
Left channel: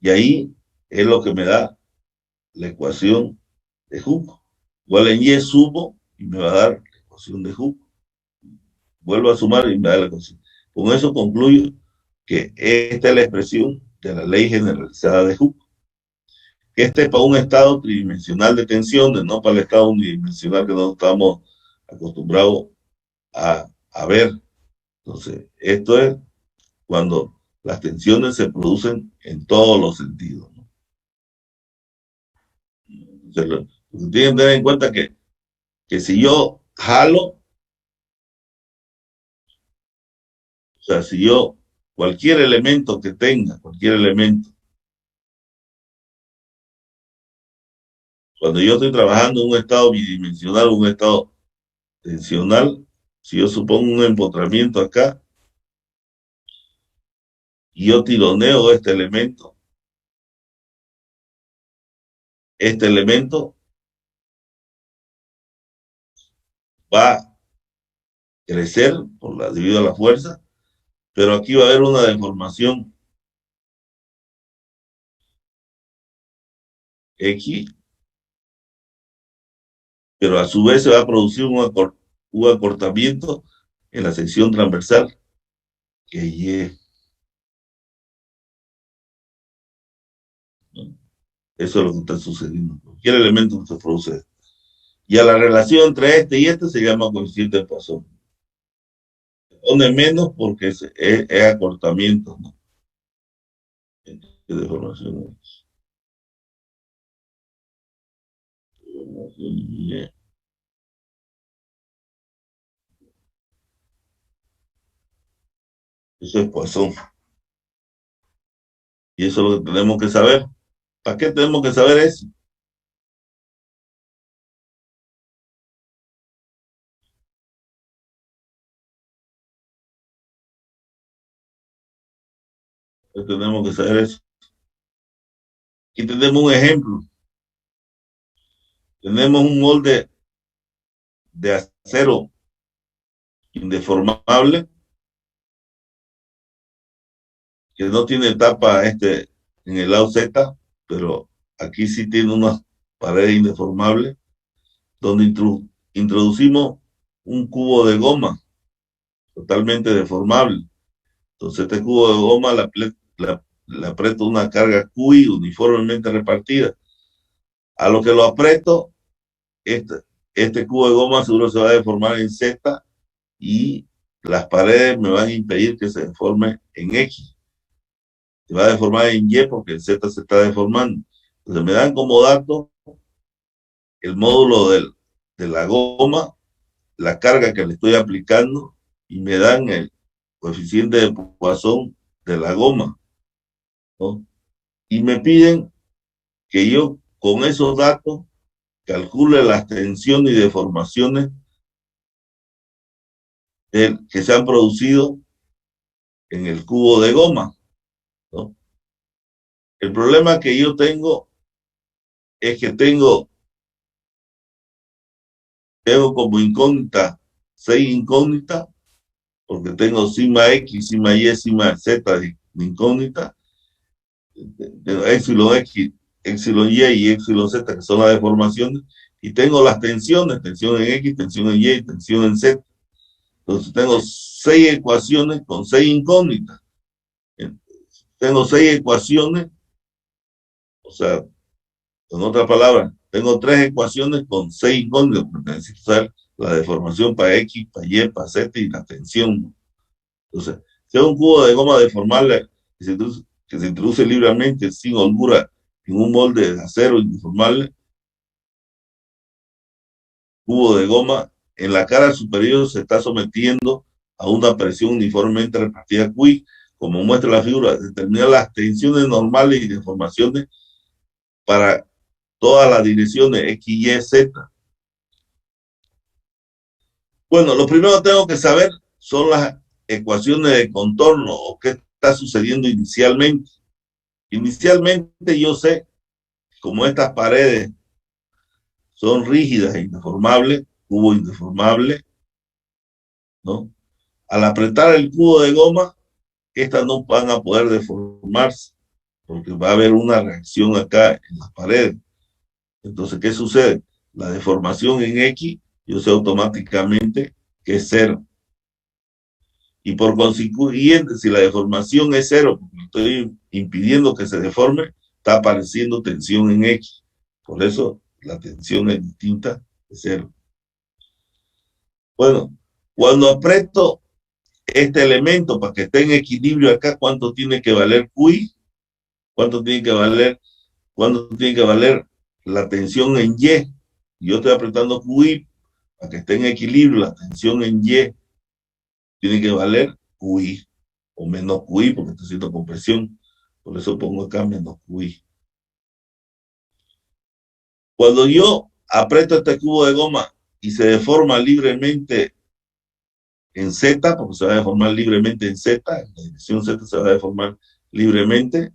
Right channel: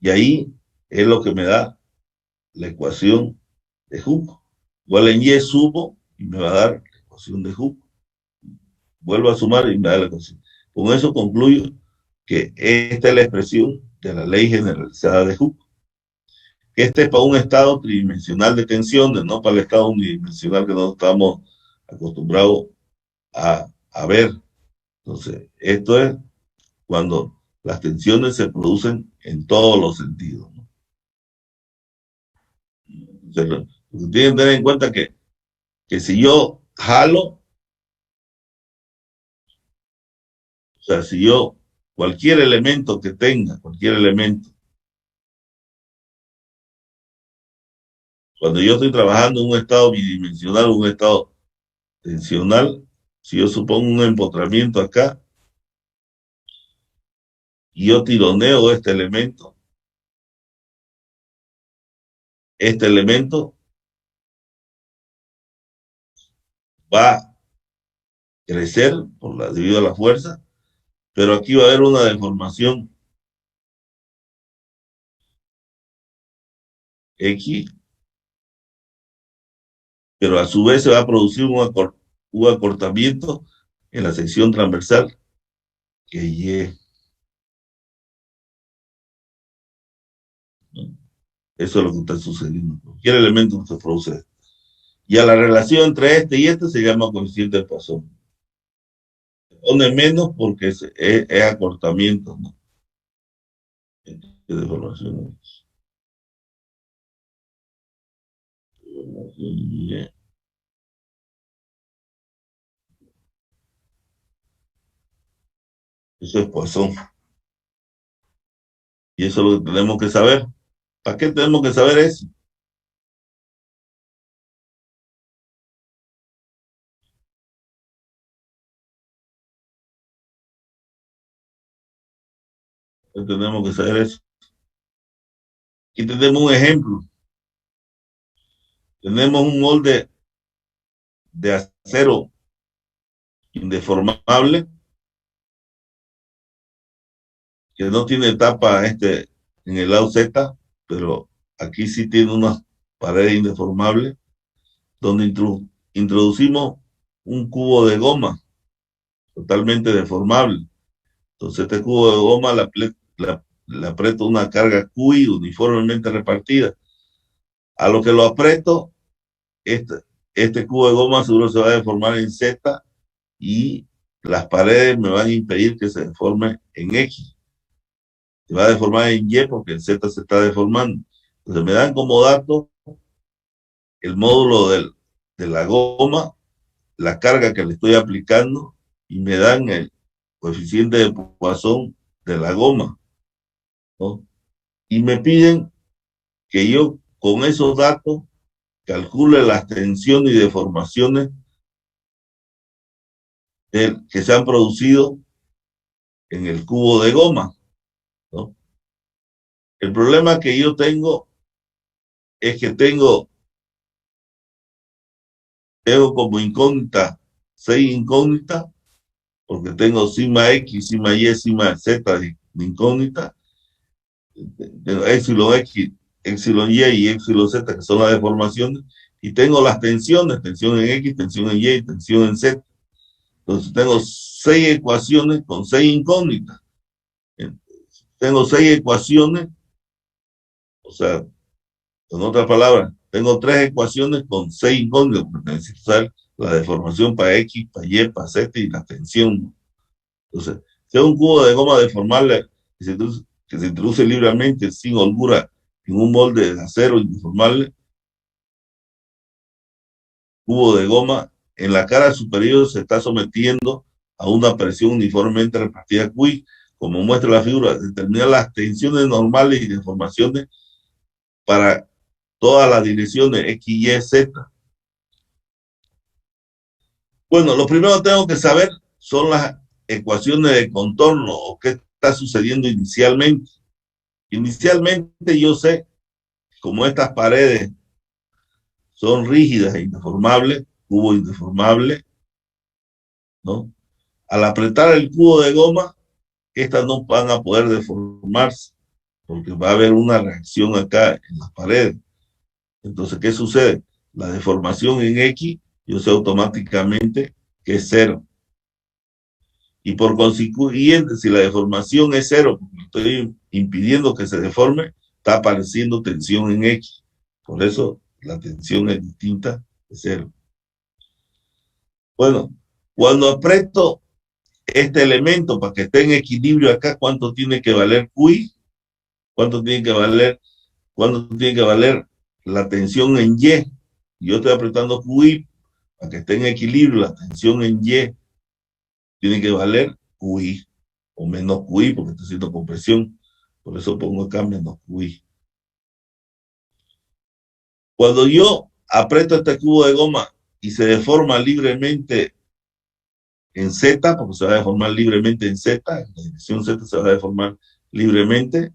Y ahí es lo que me da la ecuación de Hooke. Igual en Y sumo y me va a dar la ecuación de Hooke. Vuelvo a sumar y me da la ecuación. Con eso concluyo que esta es la expresión de la ley generalizada de Hooke. Este es para un estado tridimensional de tensiones, no para el estado unidimensional que no estamos acostumbrados a ver. Entonces, esto es cuando las tensiones se producen en todos los sentidos, ¿no? Entonces, lo que tienen que tener en cuenta que si yo jalo, o sea, si yo, cualquier elemento que tenga, cualquier elemento, cuando yo estoy trabajando en un estado bidimensional, un estado tensional, Si yo supongo un empotramiento acá, y yo tironeo este elemento va a crecer debido a la fuerza, pero aquí va a haber una deformación X, pero a su vez se va a producir un acortamiento en la sección transversal que Y. Eso es lo que está sucediendo. Cualquier elemento que se produce. Y a la relación entre este y este se llama coeficiente de Poisson. Pone menos porque es acortamiento, ¿no? Deformación. Eso es Poisson. Y eso es lo que tenemos que saber. ¿Para qué tenemos que saber eso? Tenemos que saber eso. Aquí tenemos un ejemplo. Tenemos un molde de acero indeformable que no tiene tapa en el lado Z, pero aquí sí tiene una pared indeformable donde introducimos un cubo de goma totalmente deformable. Entonces este cubo de goma le aprieto una carga QI uniformemente repartida. A lo que lo aprieto, este cubo de goma seguro se va a deformar en Z y las paredes me van a impedir que se deforme en X. Se va a deformar en Y porque el Z se está deformando. Entonces me dan como dato el módulo de la goma, la carga que le estoy aplicando y me dan el coeficiente de Poisson de la goma, ¿no? Y me piden que yo con esos datos calcule las tensiones y deformaciones que se han producido en el cubo de goma, ¿no? El problema que yo tengo es que tengo como incógnita 6 incógnitas, porque tengo sigma X, sigma Y, sigma Z de incógnita, épsilon X, épsilon Y y épsilon Z, que son las deformaciones, y tengo las tensiones, tensión en X, tensión en Y y tensión en Z. Entonces tengo 6 ecuaciones con 6 incógnitas. Tengo 6 ecuaciones, o sea, en otras palabras, tengo 3 ecuaciones con 6 incógnitas, porque necesito saber la deformación para X, para Y, para Z y la tensión. Entonces, si es un cubo de goma deformable que se introduce libremente sin holgura en un molde de acero indeformable, cubo de goma en la cara superior se está sometiendo a una presión uniformemente repartida QI, como muestra la figura, determinar las tensiones normales y deformaciones para todas las direcciones X, Y, Z. Bueno, lo primero que tengo que saber son las ecuaciones de contorno o qué está sucediendo inicialmente. Inicialmente yo sé, como estas paredes son rígidas e indeformables, cubo indeformable, ¿no? Al apretar el cubo de goma, estas no van a poder deformarse, porque va a haber una reacción acá en las paredes. Entonces, ¿qué sucede? La deformación en X, yo sé automáticamente que es 0. Y por consiguiente, si la deformación es 0, porque estoy impidiendo que se deforme, está apareciendo tensión en X. Por eso la tensión es distinta de 0. Bueno, cuando aprieto este elemento para que esté en equilibrio acá, ¿cuánto tiene que valer QI? ¿Cuánto tiene que valer la tensión en Y? Yo estoy apretando QI para que esté en equilibrio, la tensión en Y tiene que valer QI o menos QI porque está haciendo compresión. Por eso pongo acá menos QI. Cuando yo aprieto este cubo de goma y se deforma libremente en Z, porque se va a deformar libremente en Z, en la dirección Z se va a deformar libremente,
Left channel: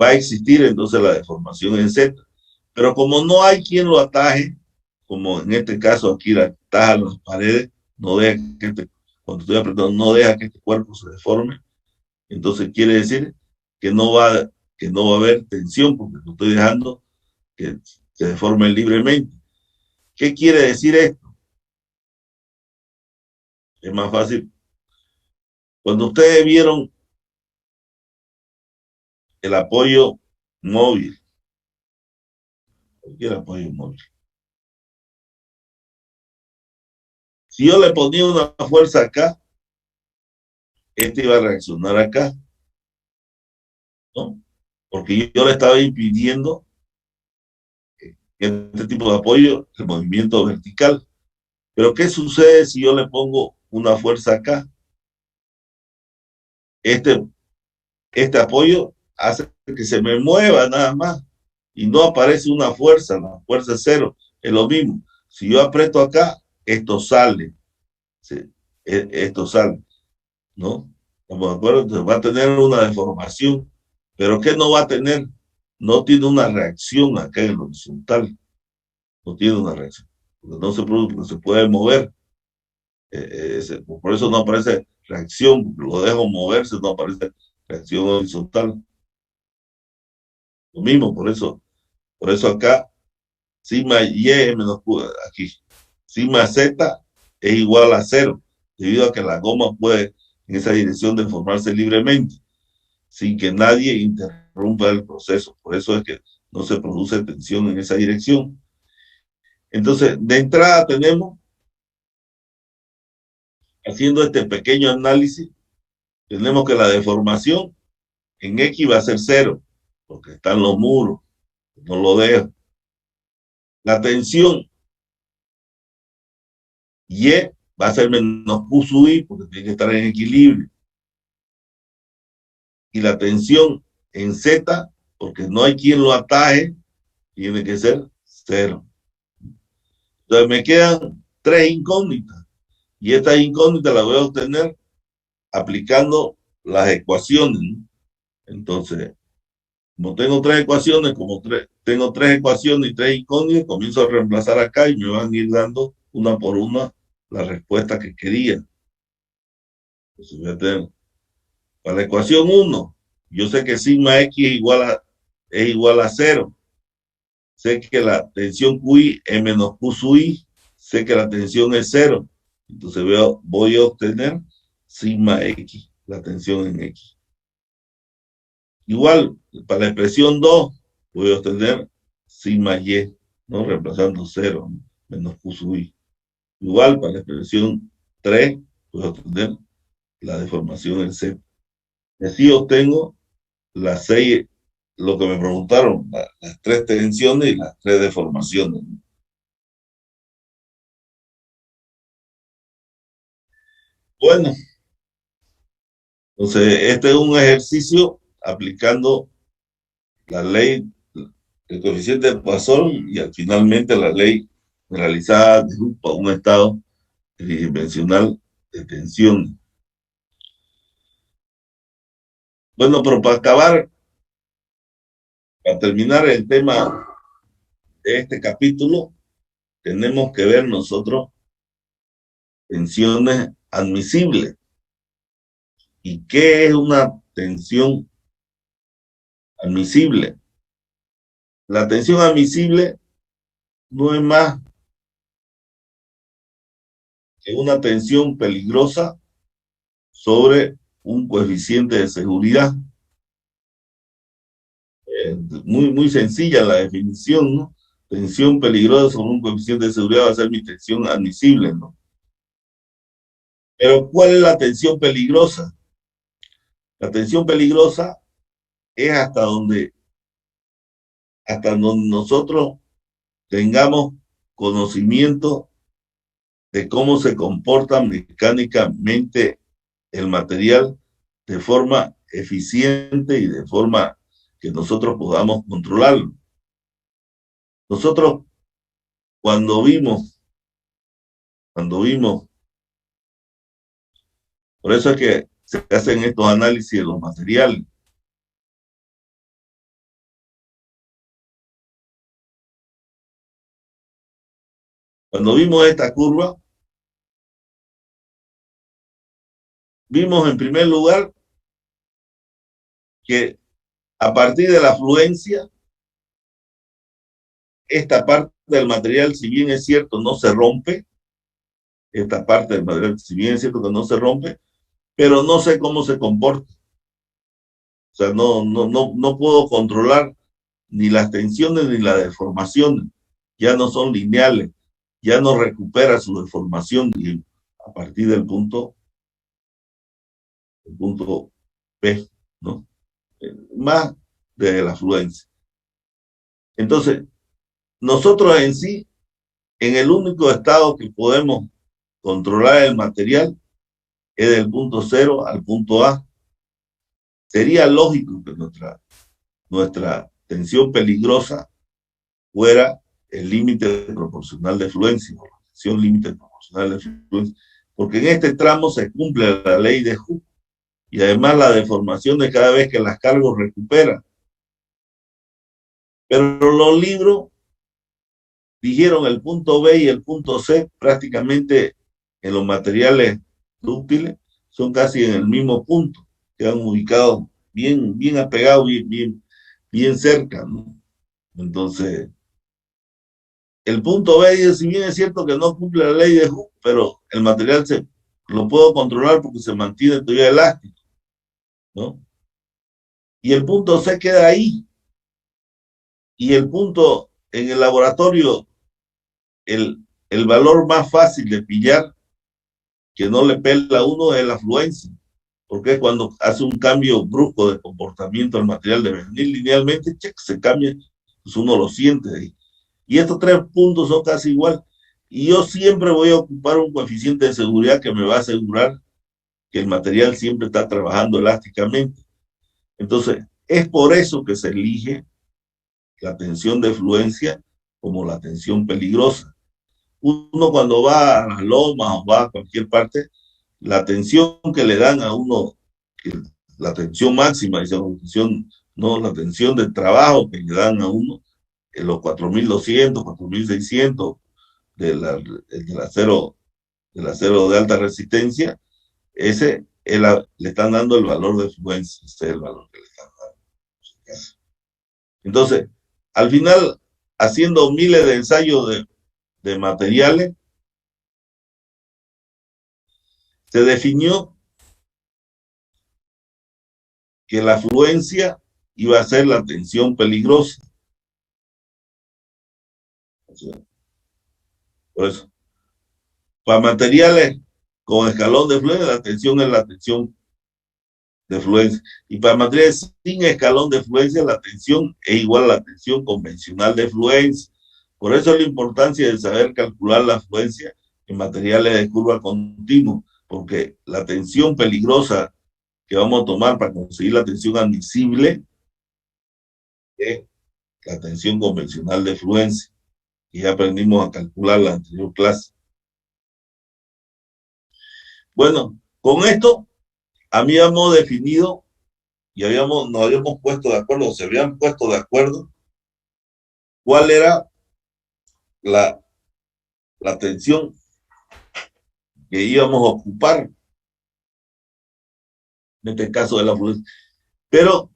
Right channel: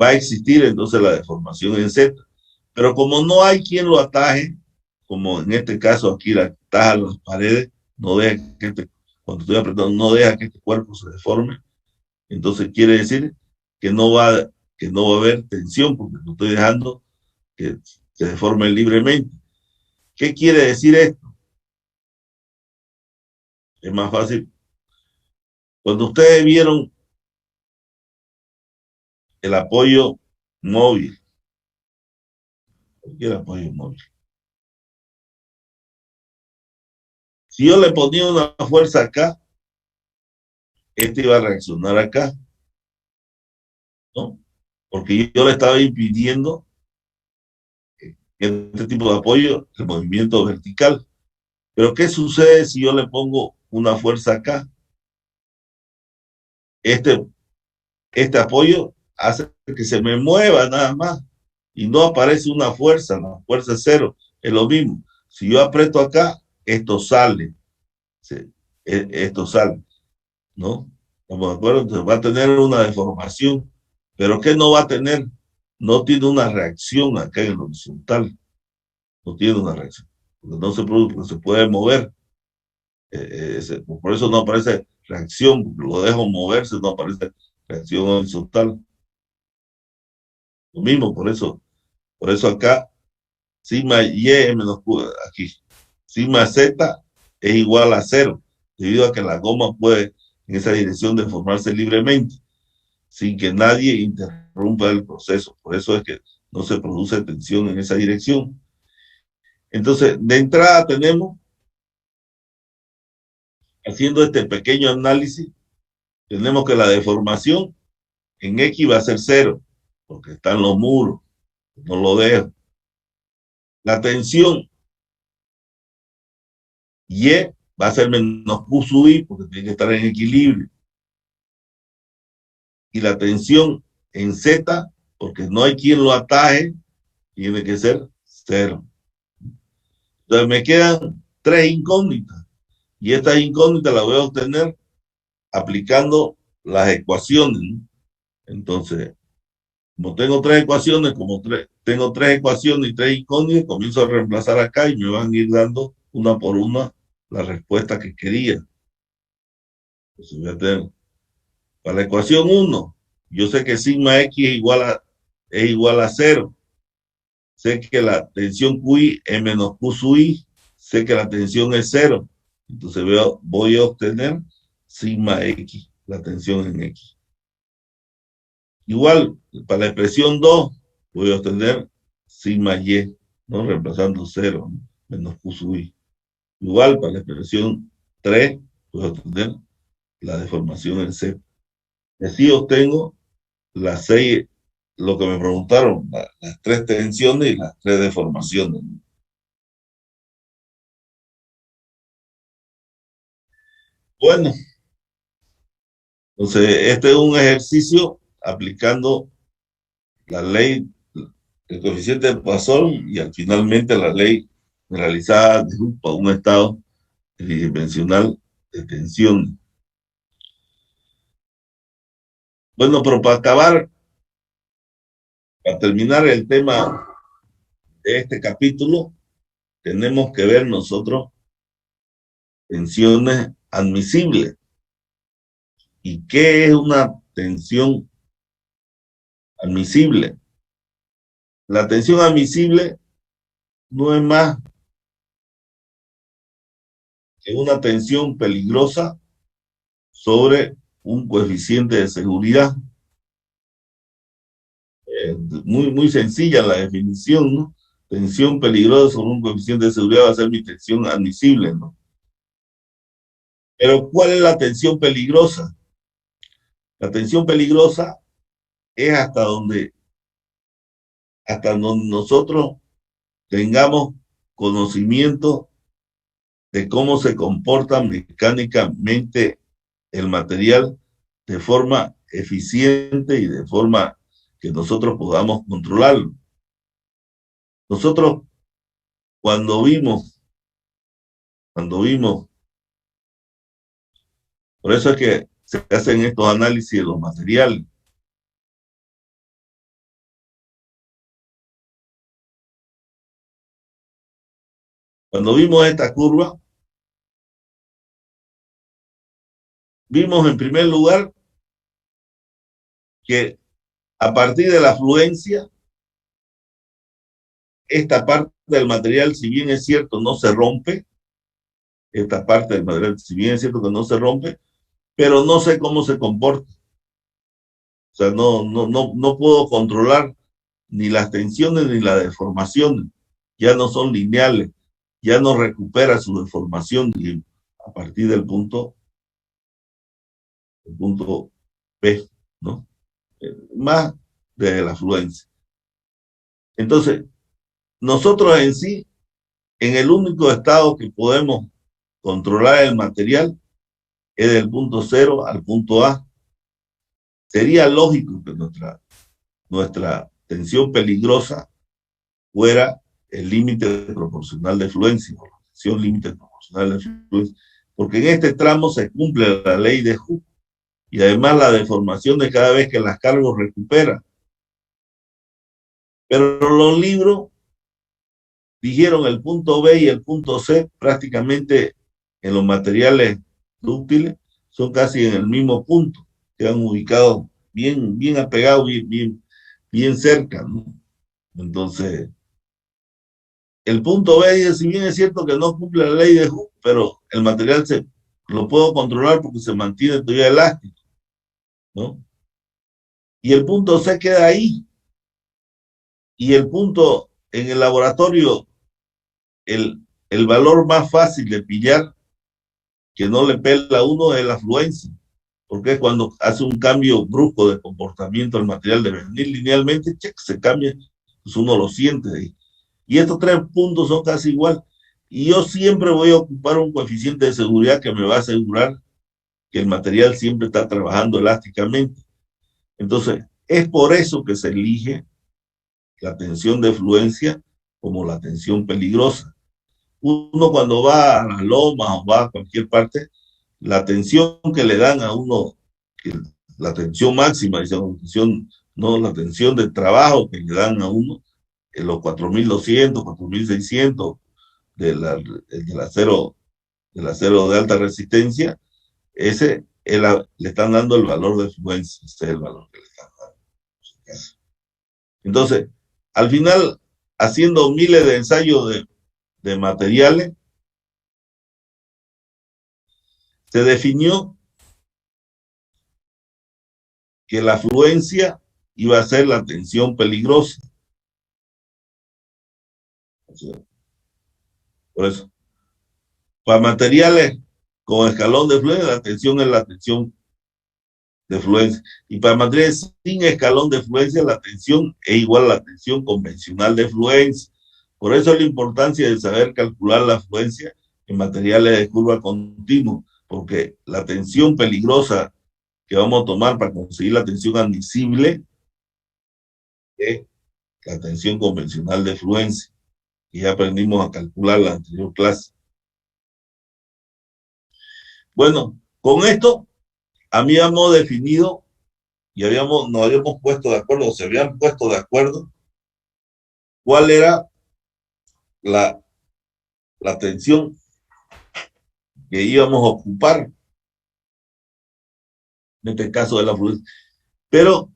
va a existir entonces la deformación en Z. Pero como no hay quien lo ataje, como en este caso aquí la atajan las paredes, no deja que cuando estoy apretando, no deja que este cuerpo se deforme, entonces quiere decir que no va a haber tensión, porque lo estoy dejando que se deforme libremente. ¿Qué quiere decir esto? Es más fácil. Cuando ustedes vieron el apoyo móvil, cualquier apoyo móvil, si yo le ponía una fuerza acá, este iba a reaccionar acá, ¿no? Porque yo le estaba impidiendo este tipo de apoyo, el movimiento vertical. Pero ¿qué sucede si yo le pongo una fuerza acá? Este apoyo hace que se me mueva nada más y no aparece una fuerza, la fuerza es cero. Es lo mismo. Si yo aprieto acá, esto sale. Esto sale, ¿no? ¿Estamos de acuerdo? Entonces va a tener una deformación. ¿Pero qué no va a tener? No tiene una reacción acá en el horizontal. No tiene una reacción. Porque no se produce, porque se puede mover. Por eso no aparece reacción, porque lo dejo moverse, no aparece reacción horizontal. Lo mismo, por eso acá, sigma y menos Q, aquí, sigma z es igual a cero, debido a que la goma puede en esa dirección deformarse libremente, sin que nadie interrumpa el proceso. Por eso es que no se produce tensión en esa dirección. Entonces, de entrada tenemos, haciendo este pequeño análisis, tenemos que la deformación en X va a ser cero, porque están los muros, no lo dejo. La tensión Y va a ser menos Q sub I, porque tiene que estar en equilibrio. Y la tensión en Z, porque no hay quien lo ataje, tiene que ser cero. Entonces me quedan tres incógnitas. Y estas incógnitas las voy a obtener aplicando las ecuaciones, ¿no? Entonces, como tengo tres ecuaciones, tengo tres ecuaciones y tres incógnitas, comienzo a reemplazar acá y me van a ir dando una por una la respuesta que quería. Entonces voy a tener, para la ecuación 1, yo sé que sigma x es igual a 0. Sé que la tensión QI es menos Q sub I. Sé que la tensión es 0. Entonces voy a obtener sigma x, la tensión en x. Igual, para la expresión 2, voy a obtener sigma y, ¿no? Reemplazando 0, ¿no? Menos Q sub I. Igual, para la expresión 3, voy a obtener la deformación en Z. Y así obtengo las 6, lo que me preguntaron, las tres tensiones y las tres deformaciones. Bueno, entonces este es un ejercicio aplicando la ley, el coeficiente de Poisson y finalmente la ley generalizada de Hooke para un estado tridimensional de tensión. Bueno, pero para terminar el tema de este capítulo, tenemos que ver nosotros tensiones admisibles. ¿Y qué es una tensión admisible? La tensión admisible no es más que una tensión peligrosa sobre un coeficiente de seguridad. Muy sencilla la definición, ¿no? Tensión peligrosa sobre un coeficiente de seguridad va a ser mi tensión admisible, ¿no? Pero ¿cuál es la tensión peligrosa? La tensión peligrosa es hasta donde nosotros tengamos conocimiento de cómo se comporta mecánicamente el material de forma eficiente y de forma que nosotros podamos controlarlo. Nosotros cuando vimos Por eso es que se hacen estos análisis de los materiales. Cuando vimos esta curva, vimos en primer lugar que a partir de la fluencia, esta parte del material, si bien es cierto, no se rompe, esta parte del material, si bien es cierto que no se rompe, pero no sé cómo se comporta. O sea, no puedo controlar ni las tensiones ni las deformaciones. Ya no son lineales, ya no recupera su deformación a partir del punto P, ¿no? Más de la fluencia. Entonces, nosotros en sí, en el único estado que podemos controlar el material es del punto 0 al punto A. Sería lógico que nuestra tensión peligrosa fuera el límite proporcional de fluencia, la tensión límite proporcional de fluencia, porque en este tramo se cumple la ley de Hooke y además la deformación de cada vez que las cargas recuperan. Pero los libros dijeron el punto B y el punto C prácticamente en los materiales dúctiles son casi en el mismo punto, quedan ubicados bien apegados, bien cerca, ¿no? Entonces, el punto B, si bien es cierto que no cumple la ley de Hooke, pero el material lo puedo controlar porque se mantiene todavía elástico, ¿no? Y el punto C queda ahí. Y el punto en el laboratorio, el valor más fácil de pillar, que no le pela a uno, es la fluencia. Porque es cuando hace un cambio brusco de comportamiento al material de venir linealmente, se cambia, pues uno lo siente ahí. Y estos tres puntos son casi igual. Y yo siempre voy a ocupar un coeficiente de seguridad que me va a asegurar que el material siempre está trabajando elásticamente. Entonces, es por eso que se elige la tensión de fluencia como la tensión peligrosa. Uno cuando va a las lomas o va a cualquier parte, la tensión que le dan a uno, la tensión máxima, no, la tensión de trabajo que le dan a uno, en los 4.200, 4.600 del acero de alta resistencia, ese le están dando el valor de fluencia, ese es el valor que le están dando. Entonces, al final, haciendo miles de ensayos de materiales, se definió que la fluencia iba a ser la tensión peligrosa. Por eso, para materiales con escalón de fluencia, la tensión es la tensión de fluencia. Y para materiales sin escalón de fluencia, la tensión es igual a la tensión convencional de fluencia. Por eso la importancia de saber calcular la fluencia en materiales de curva continua, porque la tensión peligrosa que vamos a tomar para conseguir la tensión admisible es la tensión convencional de fluencia, que ya aprendimos a calcular en la anterior clase. Bueno, con esto habíamos definido y nos habíamos puesto de acuerdo, o se habían puesto de acuerdo cuál era la tensión que íbamos a ocupar en este caso de la fluencia. Pero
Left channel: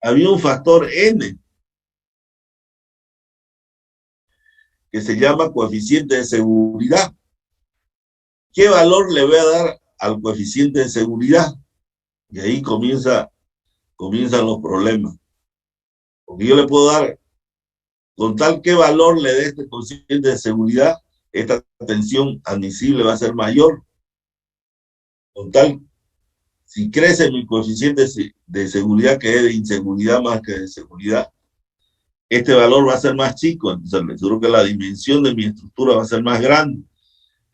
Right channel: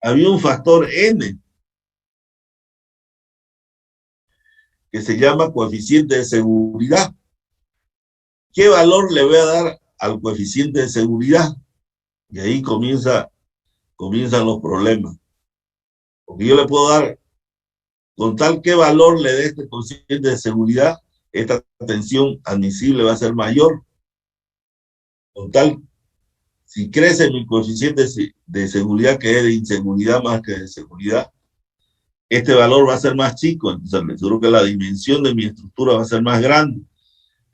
había un factor N que se llama coeficiente de seguridad. ¿Qué valor le voy a dar al coeficiente de seguridad? Y ahí comienzan los problemas. Porque yo le puedo dar, con tal qué valor le dé este coeficiente de seguridad, esta tensión admisible va a ser mayor. Con tal, si crece mi coeficiente de seguridad, que es de inseguridad más que de seguridad, este valor va a ser más chico. Entonces, me aseguro que la dimensión de mi estructura va a ser más grande.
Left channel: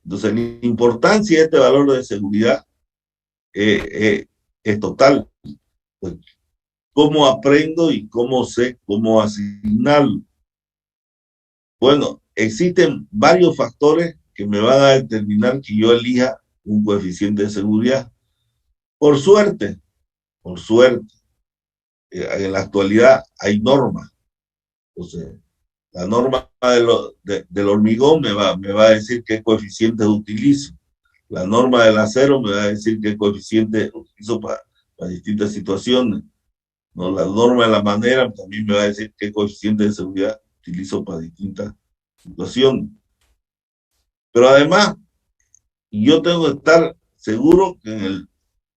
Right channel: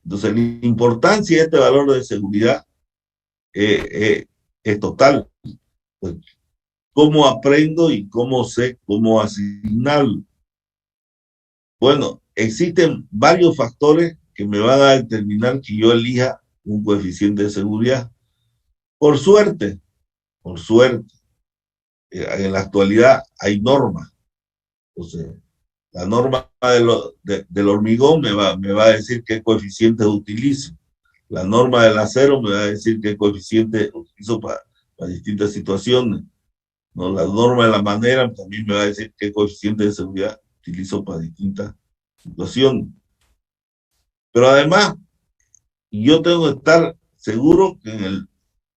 Entonces, la importancia de este valor de seguridad es total. Pues, ¿cómo aprendo y cómo sé cómo asignarlo? Bueno, existen varios factores que me van a determinar que yo elija un coeficiente de seguridad. Por suerte, en la actualidad hay normas. Entonces, la norma del hormigón me va a decir qué coeficiente utilizo. La norma del acero me va a decir qué coeficiente utilizo para distintas situaciones, ¿no? La norma de la madera también me va a decir qué coeficiente de seguridad utilizo para distintas situaciones. Pero además, yo tengo que estar seguro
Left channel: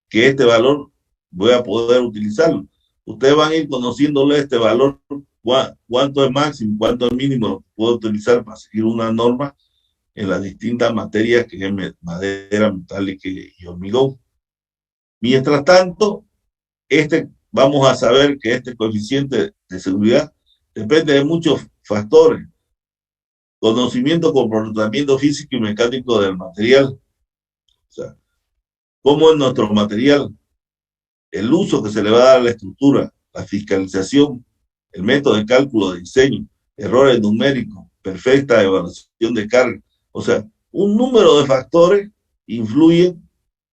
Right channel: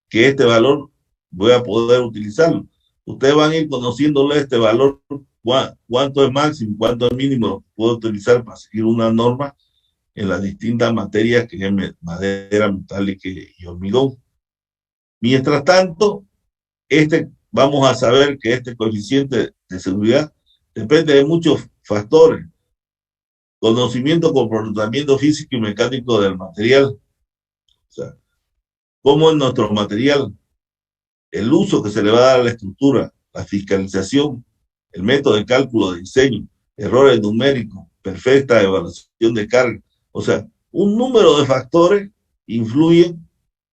que este valor voy a poder utilizarlo. Ustedes van a ir conociéndole este valor, cuánto es máximo, cuánto es mínimo, puedo utilizar para seguir una norma en las distintas materias que es madera, metálica y hormigón. Mientras tanto, vamos a saber que este coeficiente de seguridad depende de muchos factores. Conocimiento, comportamiento físico y mecánico del material. O sea, cómo es nuestro material, el uso que se le va a dar a la estructura, la fiscalización, el método de cálculo de diseño, errores numéricos, perfecta evaluación de carga. O sea, un número de factores influyen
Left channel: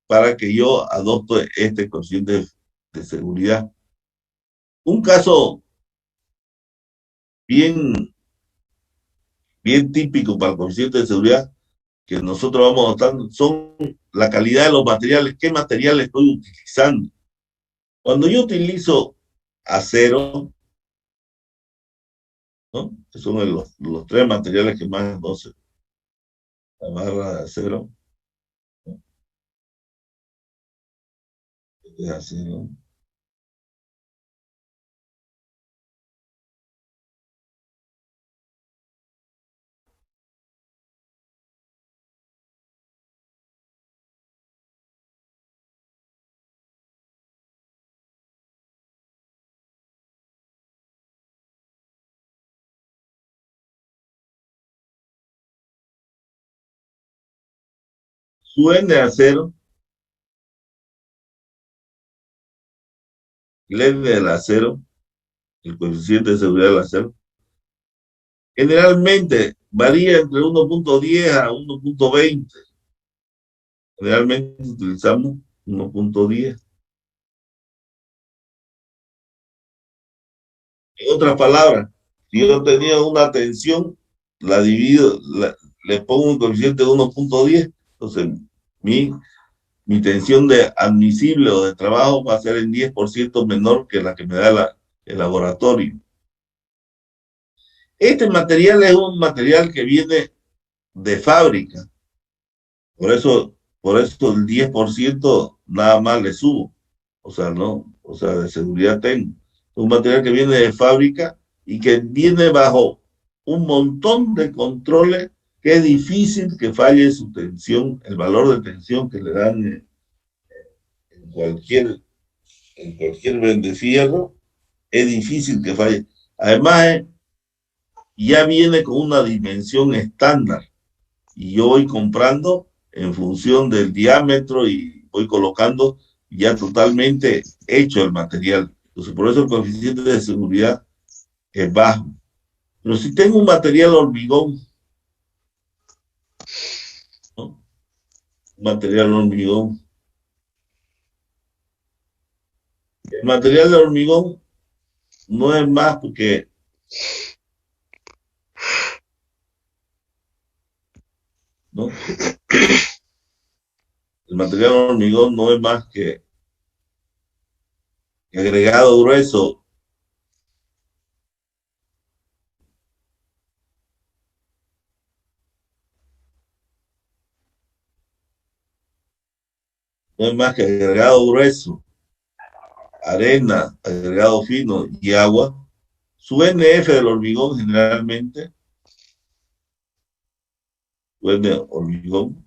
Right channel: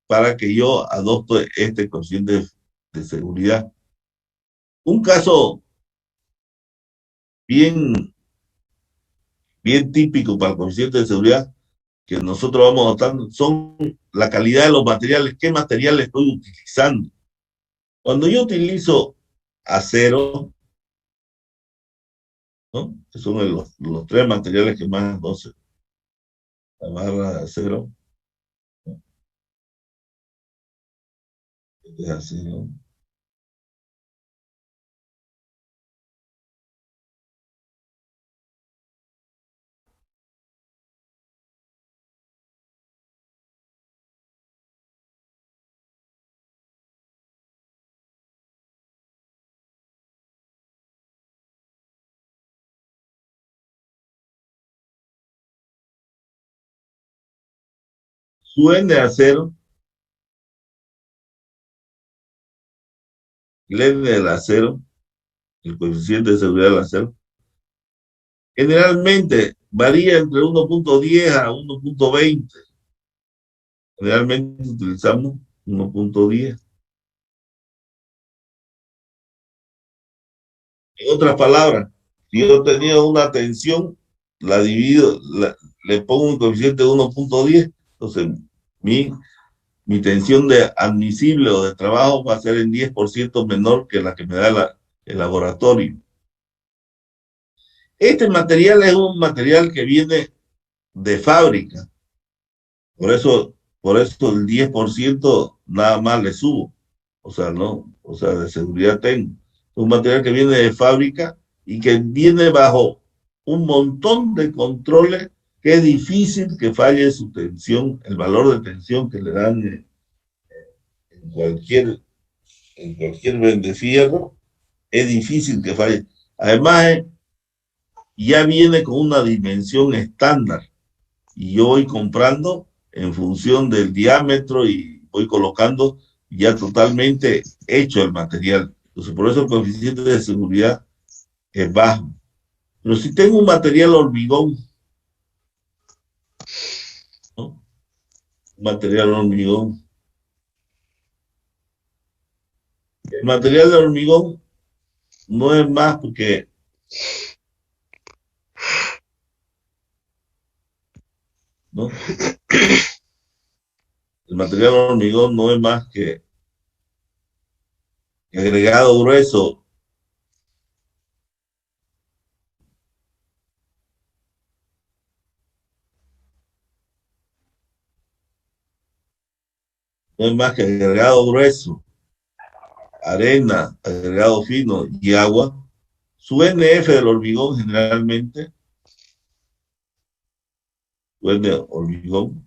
para que yo adopte este coeficiente de seguridad. Un caso bien típico para el coeficiente de seguridad que nosotros vamos adoptando son la calidad de los materiales, qué material estoy utilizando. Cuando yo utilizo acero, ¿no? Que son los tres materiales que más entonces, la barra de acero, ¿no? De acero. Su N de acero, el N del acero, el coeficiente de seguridad del acero, generalmente varía entre 1.10 a 1.20. Generalmente utilizamos 1.10. En otras palabras, si yo tenía una tensión, la divido, le pongo un coeficiente de 1.10, entonces mi tensión de admisible o de trabajo va a ser en 10% menor que la que me da el laboratorio. Este material es un material que viene de fábrica, por eso el 10% nada más le subo, o sea, no, o sea, de seguridad tengo. Un material que viene de fábrica y que viene bajo un montón de controles que es difícil que falle su tensión, el valor de tensión que le dan en cualquier vendefierro, es difícil que falle. Además, ya viene con una dimensión estándar y yo voy comprando en función del diámetro y voy colocando ya totalmente hecho el material. Entonces, por eso el coeficiente de seguridad es bajo. Pero si tengo un material hormigón, ¿no? Un material hormigón. El material de hormigón no es más porque ¿no? El material hormigón no es más que agregado grueso no es más que agregado grueso, arena, agregado fino y agua. Su NF del hormigón generalmente, su N hormigón,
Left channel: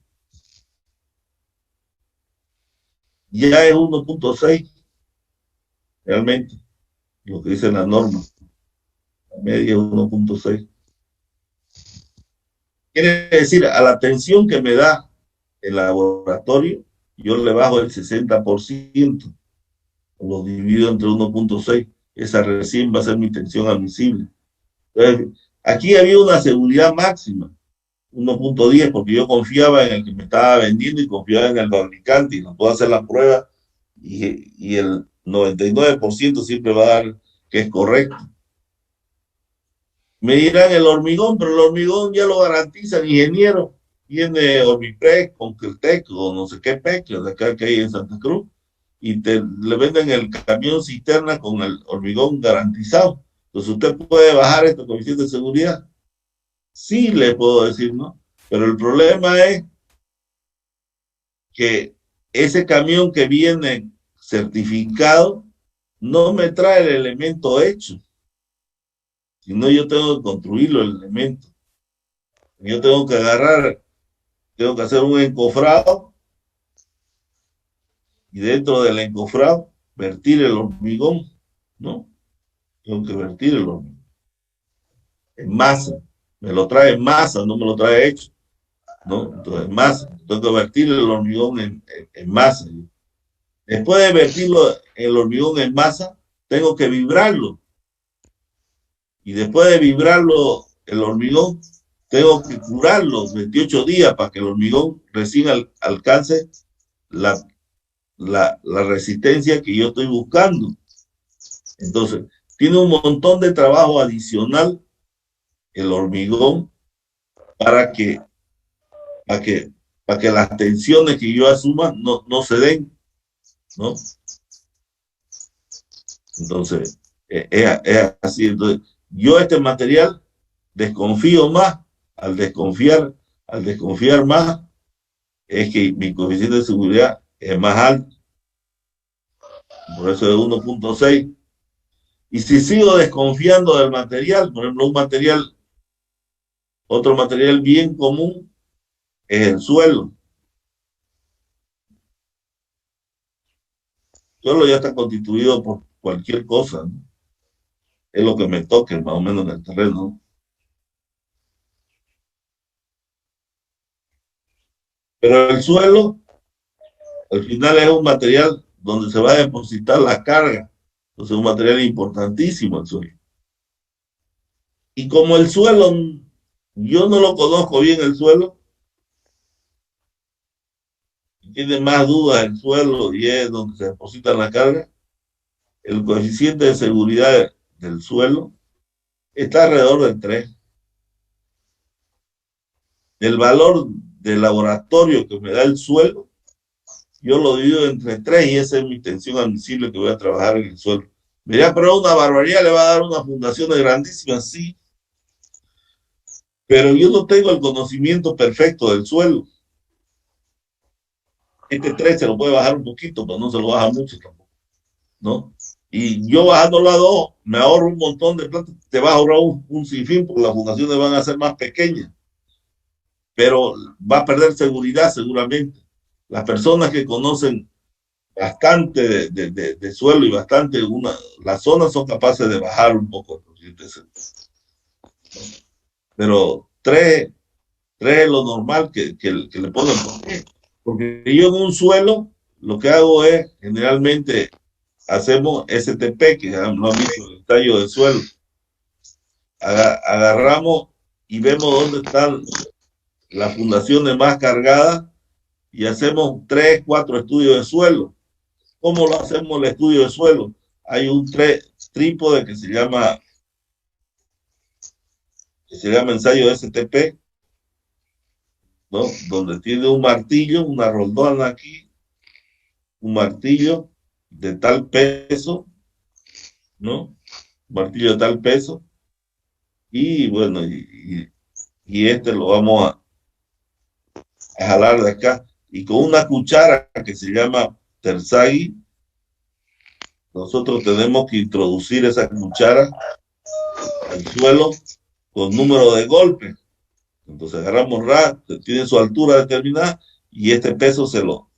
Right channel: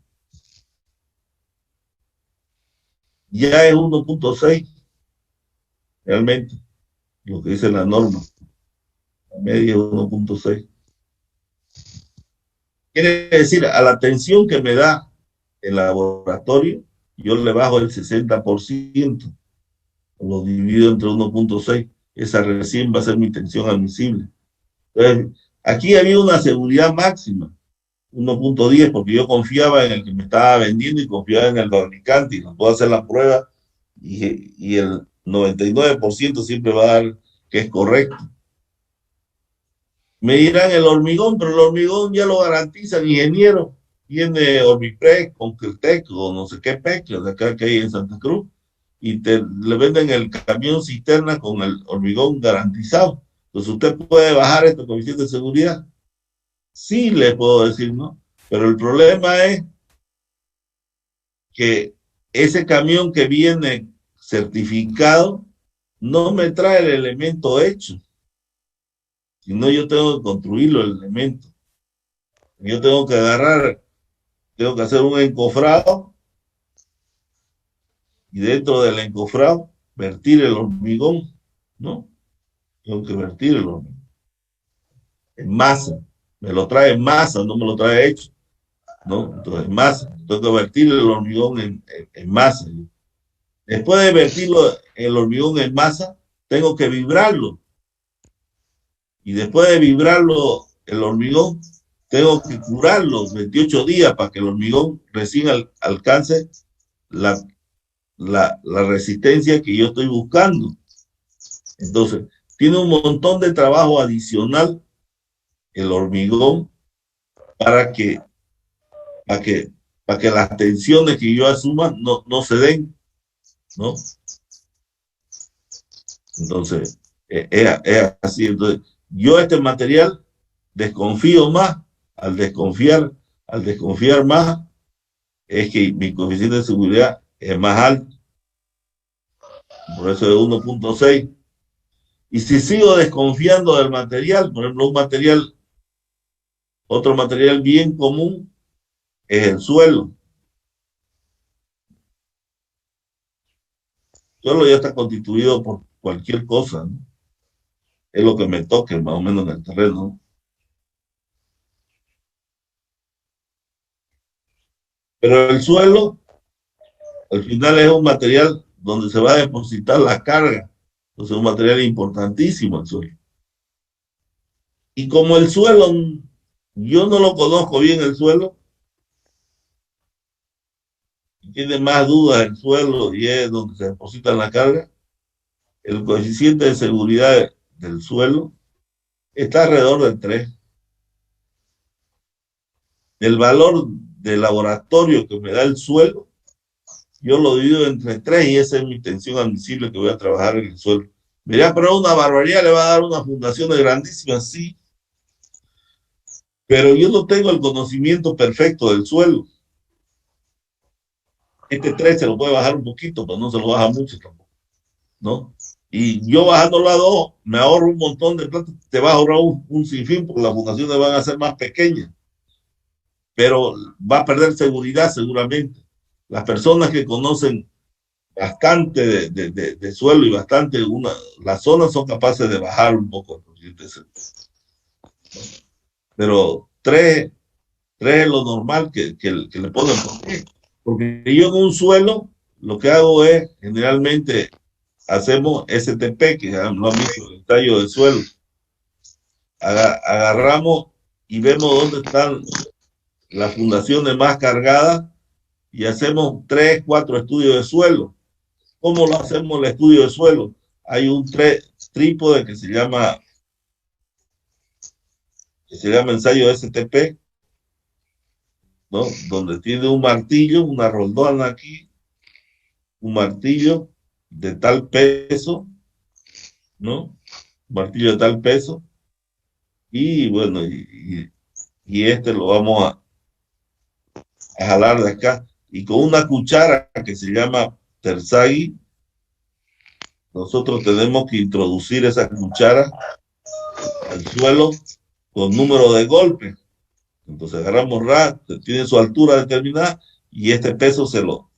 ya es 1.6, realmente, lo que dice la norma. La media es 1.6. Quiere decir, a la tensión que me da el laboratorio, yo le bajo el 60%, lo divido entre 1.6, esa recién va a ser mi tensión admisible. Entonces, aquí había una seguridad máxima, 1.10 porque yo confiaba en el que me estaba vendiendo y confiaba en el fabricante y no puedo hacer la prueba y el 99% siempre va a dar que es correcto. Me dirán el hormigón, pero el hormigón ya lo garantiza el ingeniero. Tiene Orbipress, Concretec o no sé qué PEC, de acá que hay en Santa Cruz, y le venden el camión cisterna con el hormigón garantizado. Entonces usted puede bajar este coeficiente de seguridad. Sí le puedo decir, ¿no? Pero el problema es que ese camión que viene certificado no me trae el elemento hecho. Si no, yo tengo que construirlo el elemento. Yo tengo que agarrar, tengo que hacer un encofrado y dentro del encofrado vertir el hormigón, ¿no? Tengo que vertir el hormigón en masa. Me lo trae en masa, no me lo trae hecho, ¿no? Entonces, en masa. Tengo que vertir el hormigón en masa. Después de vertirlo el hormigón en masa, tengo que vibrarlo. Y después de vibrarlo el hormigón, tengo que curarlo 28 días para que el hormigón recién alcance la resistencia que yo estoy buscando. Entonces, tiene un montón de trabajo adicional el hormigón para que las tensiones que yo asuma no se den, ¿no? Entonces, es así. Entonces, yo este material desconfío más. Al desconfiar más, es que mi coeficiente de seguridad es más alto. Por eso es 1.6. Y si sigo desconfiando del material, por ejemplo, otro material bien común es el suelo. El suelo ya está constituido por cualquier cosa, ¿no? Es lo que me toque más o menos en el terreno, ¿no? Pero el suelo, al final, es un material donde se va a depositar la carga. Entonces, es un material importantísimo el suelo. Y como el suelo, yo no lo conozco bien el suelo, tiene más dudas el suelo y es donde se deposita la carga, el coeficiente de seguridad del suelo está alrededor del 3. El valor del laboratorio que me da el suelo, yo lo divido entre 3 y esa es mi tensión admisible que voy a trabajar en el suelo. Me dirá, pero una barbaridad, le va a dar una fundación de grandísima, sí. Pero yo no tengo el conocimiento perfecto del suelo. Este 3 se lo puede bajar un poquito, pero no se lo baja mucho tampoco, ¿no? Y yo bajándolo a 2, me ahorro un montón de plata. Te vas a ahorrar un sinfín porque las fundaciones van a ser más pequeñas. Pero va a perder seguridad seguramente. Las personas que conocen bastante de suelo y bastante las zonas son capaces de bajar un poco. Pero 3 es lo normal que le ponen. ¿Por qué? Porque yo en un suelo lo que hago es generalmente hacemos STP, que ya no han visto el tallo del suelo. Agarramos y vemos dónde están las fundaciones más cargadas y hacemos 3, 4 estudios de suelo. ¿Cómo lo hacemos el estudio de suelo? Hay un trípode que se llama ensayo STP, ¿no? Donde tiene un martillo, una roldana aquí, un martillo de tal peso, ¿no? Un martillo de tal peso. Y bueno, y este lo vamos a jalar de acá. Y con una cuchara que se llama Terzaghi, nosotros tenemos que introducir esa cuchara al suelo con número de golpes. Entonces agarramos tiene su altura determinada y este peso se lo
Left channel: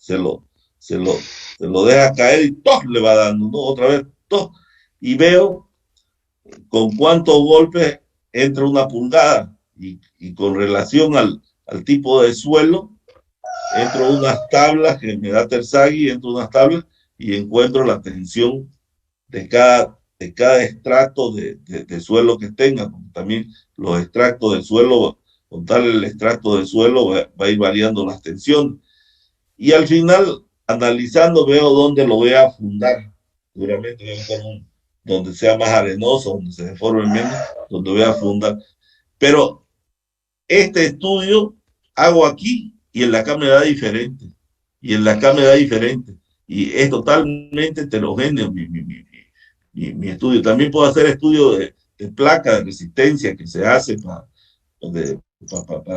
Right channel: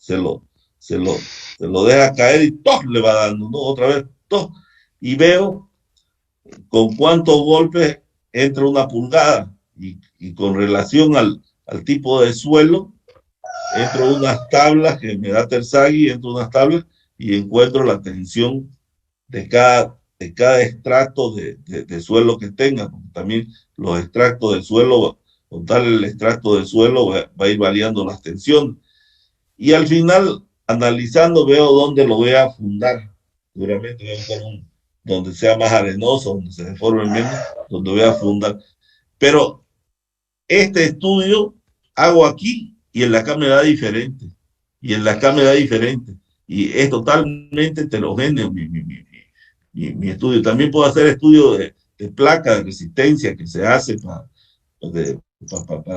deja caer y ¡toc! Le va dando, ¿no? Otra vez, ¡toc! Y veo con cuántos golpes entra una pulgada y con relación al tipo de suelo, entro unas tablas que me da Terzaghi, entro unas tablas y encuentro la tensión de cada extracto de suelo que tenga. También los extractos de suelo con tal el extracto de suelo va a ir variando las tensiones. Y al final, analizando, veo dónde lo voy a fundar. Seguramente voy a buscar donde sea más arenoso, donde se deforme menos, donde voy a fundar. Pero este estudio hago aquí y en la acá me da diferente. Y en la acá me da diferente. Y es totalmente heterogéneo mi estudio. También puedo hacer estudio de placa de resistencia que se hace para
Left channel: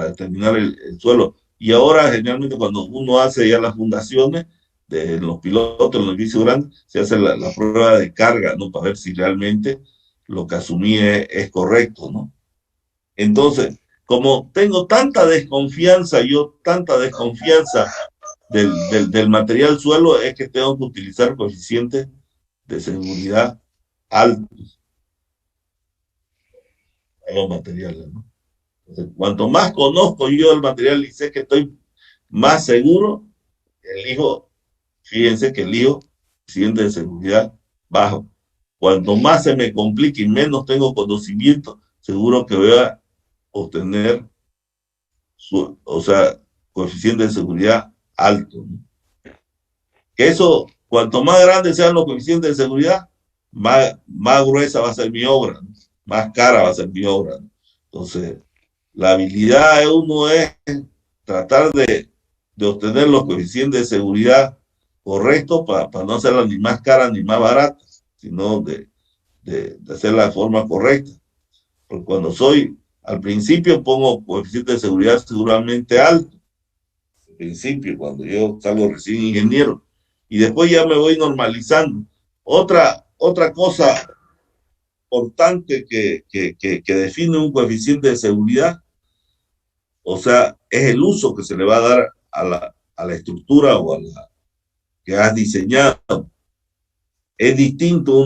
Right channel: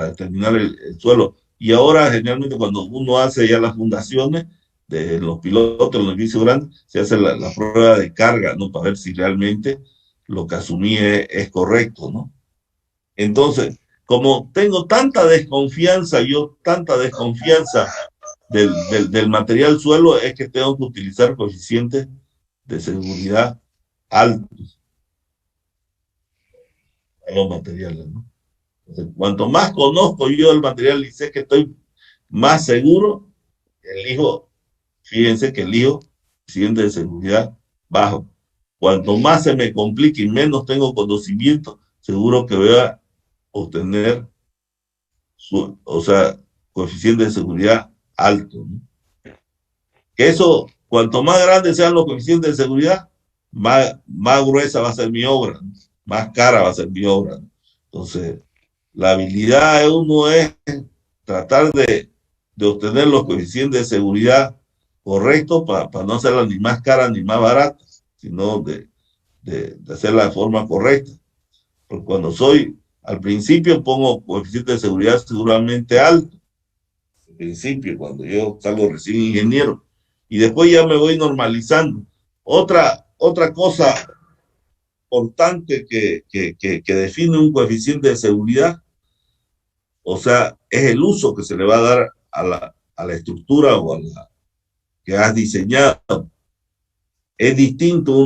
determinar el suelo. Y ahora, generalmente, cuando uno hace ya las fundaciones de los pilotos, los edificios grandes, se hace la prueba de carga, ¿no? Para ver si realmente lo que asumí es correcto, ¿no? Entonces, como tengo tanta desconfianza del material suelo, es que tengo que utilizar coeficientes de seguridad altos a los materiales, ¿no? Entonces, cuanto más conozco yo el material y sé que estoy más seguro, elijo, fíjense que elijo coeficiente de seguridad bajo. Cuanto más se me complique y menos tengo conocimiento, seguro que voy a obtener, o sea, coeficiente de seguridad alto, ¿no? Que eso, cuanto más grandes sean los coeficientes de seguridad, más gruesa va a ser mi obra, ¿no? Más cara va a ser mi obra, ¿no? Entonces, la habilidad de uno es tratar de obtener los coeficientes de seguridad correctos para no hacerla ni más cara ni más barata, sino de hacerla de forma correcta. Porque cuando al principio pongo coeficiente de seguridad seguramente alto, al principio, cuando yo salgo recién ingeniero, y después ya me voy normalizando. Otra cosa importante que define un coeficiente de seguridad, o sea, es el uso que se le va a dar a la estructura o a la que has diseñado. Es distinto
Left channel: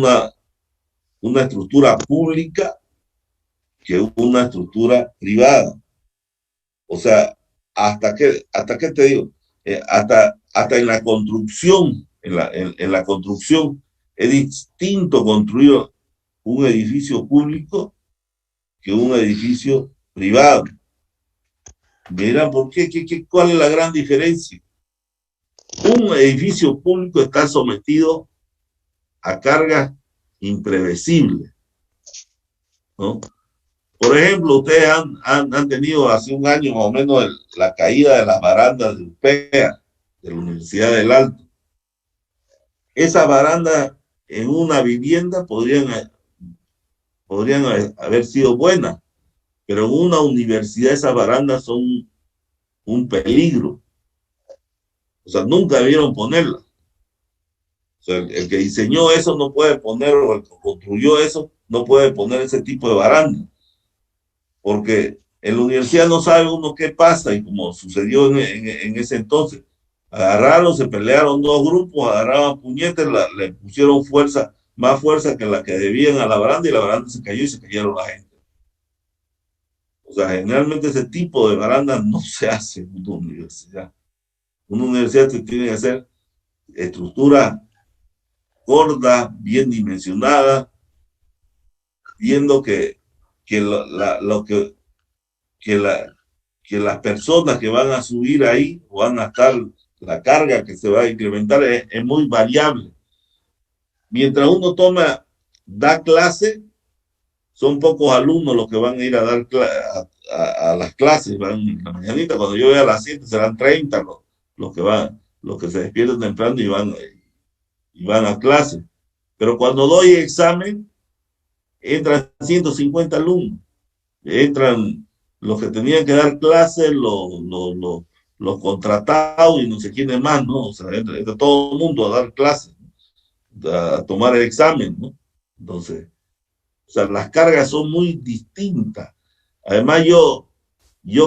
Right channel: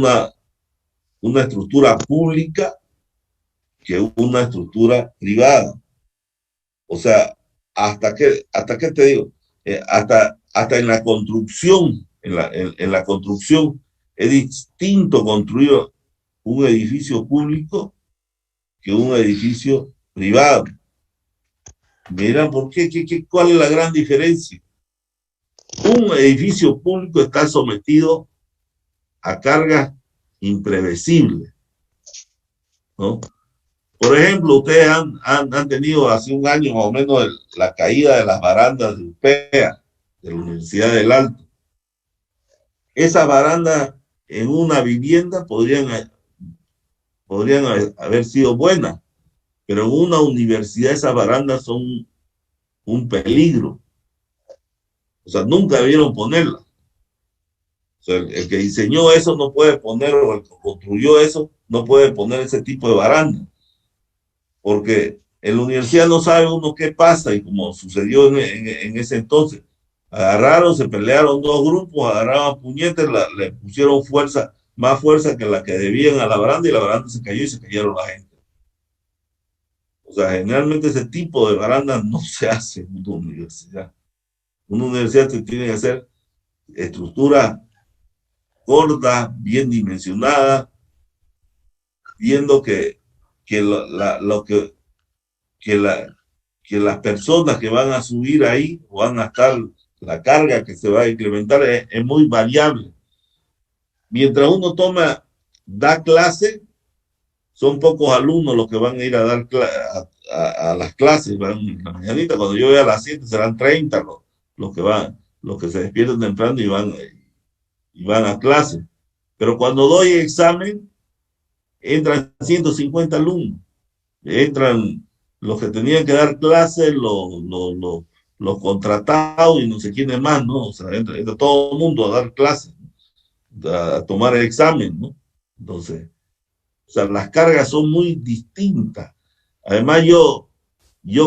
una estructura pública que una estructura privada. O sea, ¿hasta qué te digo? Hasta en la construcción, en la construcción, es distinto construir un edificio público que un edificio privado. Miran, ¿por qué? ¿Cuál es la gran diferencia? Un edificio público está sometido a cargas imprevisibles, ¿no? Por ejemplo, ustedes han tenido hace un año más o menos la caída de las barandas de UPEA, de la Universidad del Alto. Esas barandas en una vivienda podrían haber sido buenas, pero en una universidad esas barandas son un peligro. O sea, nunca debieron ponerlas. O sea, el que diseñó eso no puede poner, o el que construyó eso no puede poner ese tipo de baranda. Porque en la universidad no sabe uno qué pasa, y como sucedió en ese entonces, agarraron, se pelearon dos grupos, agarraban puñetes, le pusieron más fuerza que la que debían a la baranda, y la baranda se cayó y se cayeron la gente. O sea, generalmente ese tipo de baranda no se hace en una universidad. Una universidad se tiene que hacer estructura gorda, bien dimensionada, viendo que las personas que van a subir ahí o van a estar, la carga que se va a incrementar es muy variable. Mientras uno da clase, son pocos alumnos los que van a ir a dar a las clases, van en la mañanita. Cuando yo vea a las 7 serán 30 los que se despiertan temprano y van a clase. Pero cuando doy examen, entran 150 alumnos. Entran los que tenían que dar clases, los contratados y no sé quiénes más, ¿no? O sea, entra todo el mundo a dar clases, ¿no? A tomar el examen, ¿no? Entonces, o sea, las cargas son muy distintas. Además, yo